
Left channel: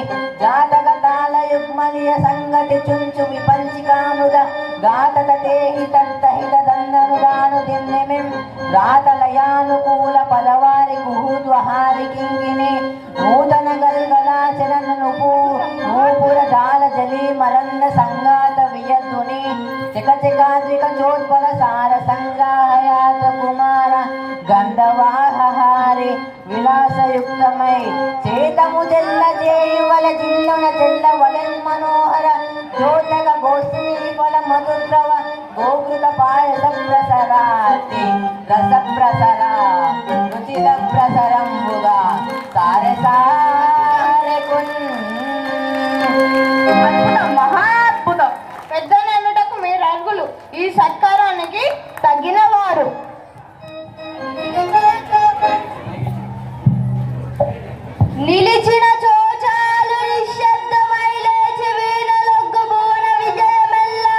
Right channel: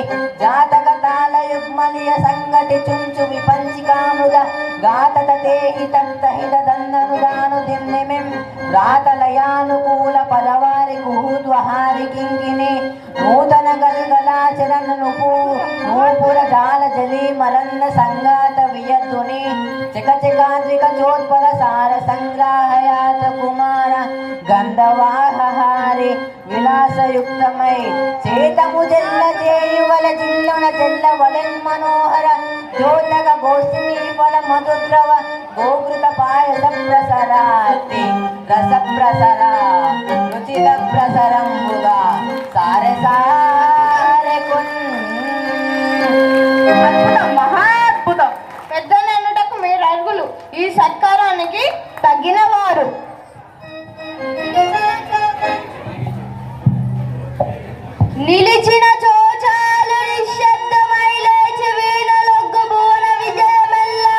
జాతక తాళ యుగ్మలియ సంగతి చుంచు విపంచికాముద గాతత తేహి తత్తహిత దందనుదాను దిమ్నిమిం రాతలయానుకూల పదవారి కుహూద్వహారి కింకిని నూతన గల్గలాచరణ నూపుర జాల జలి మరన్న సంగాత వియద్దుని చకచకాద్రిక చోత్పల సార సంగ్రాహయాత కుమార గంధవాహారి విలాసయుక్తమై చేతము జల్ల చేయువల జిల్లున చెల్ల వలెన్ మనోహర జ్యోతక గోష్ఠి ఫల మధుద్రవ గోకృత పాయసం ప్రసరాతి రస ప్రసర రుచిర ప్రసరంబుగా సారె సారె అద్భుతం, మహా అద్భుతం. పెద్దలెన్నుటకు మీరు అర్హులు, ఈ సత్కారానికి తగిన వారు. నిలిచిన చోచాలు నిశ్శబ్దమై లేచి వీణలొగ్గు భువన విజయమెల్లా.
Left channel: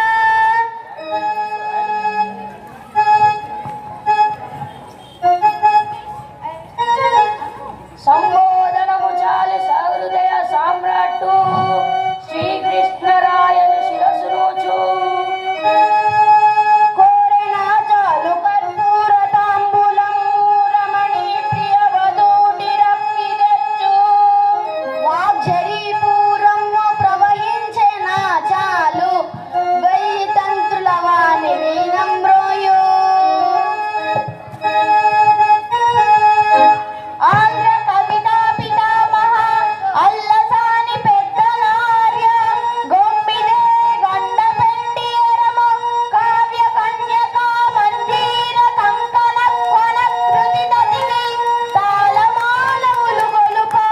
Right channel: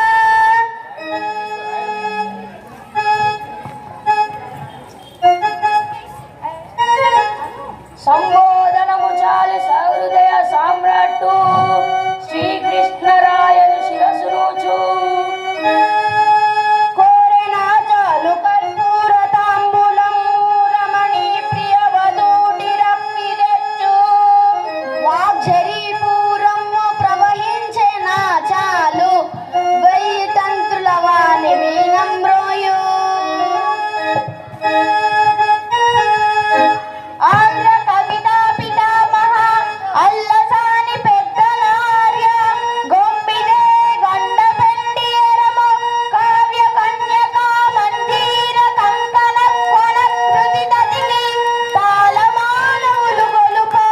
సంబోధనము చాలి సహృదయ సామ్రాట్టు శ్రీకృష్ణరాయని శిరసు రోజు కోరెనా చాలు కర్పూర తాంబూలం రమణి ప్రియ వధూటి రమ్మి తెచ్చు. వాగ్జరీపూరము ప్రవహించెనా చాలు వెయ్యి తంత్రుల వాణి వీణమ్రోయు. ఆంధ్ర కవితా పితామహ అల్లసాని పెద్దనార్య గొంపిదే గండ పెండియరము కావ్య కన్యకా మంజీర కంకణ కొన కృతి దదికి తాళమానవులు గొలుపా.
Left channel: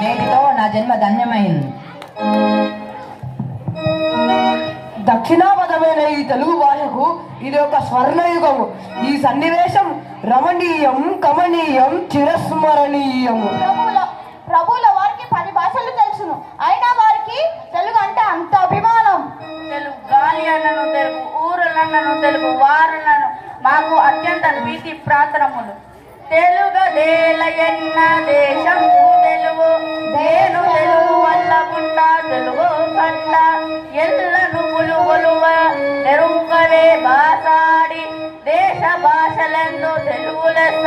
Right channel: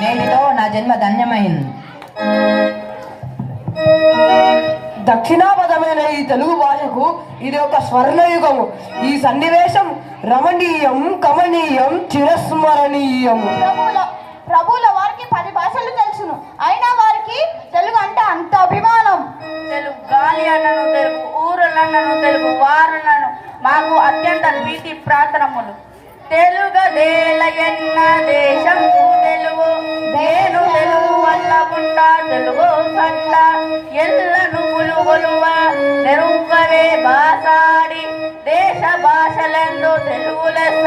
నేటితో నా జన్మ ధన్యమైంది. దక్షిణాపదమైన ఈ తెలుగు భాషకు ఇది ఒక స్వర్ణయుగము. ఈ సన్నివేశం రమణీయం, కమనీయం, చిరస్మరణీయము. ప్రభువుల వారికి 10 భాషలు తెలుసును, అయినా వారికి తెలుగు అంటే అంత అభిమానం. తెలుగు గాలి అన్నను తెలుగు, ఊరులన్నను తెలుగు, వారులను మాకు అత్యంత ప్రీతి ప్రార్థనములు. తెలుగదేలయన్న దేశము తెలుగు, నేను తెలుగు వల్ల పుట్ట తెలుగు పట్ట ఎల్లను గొలువ నెరుంపవే భాషాడి దేశ భాషలందు తెలుగు లెస్స.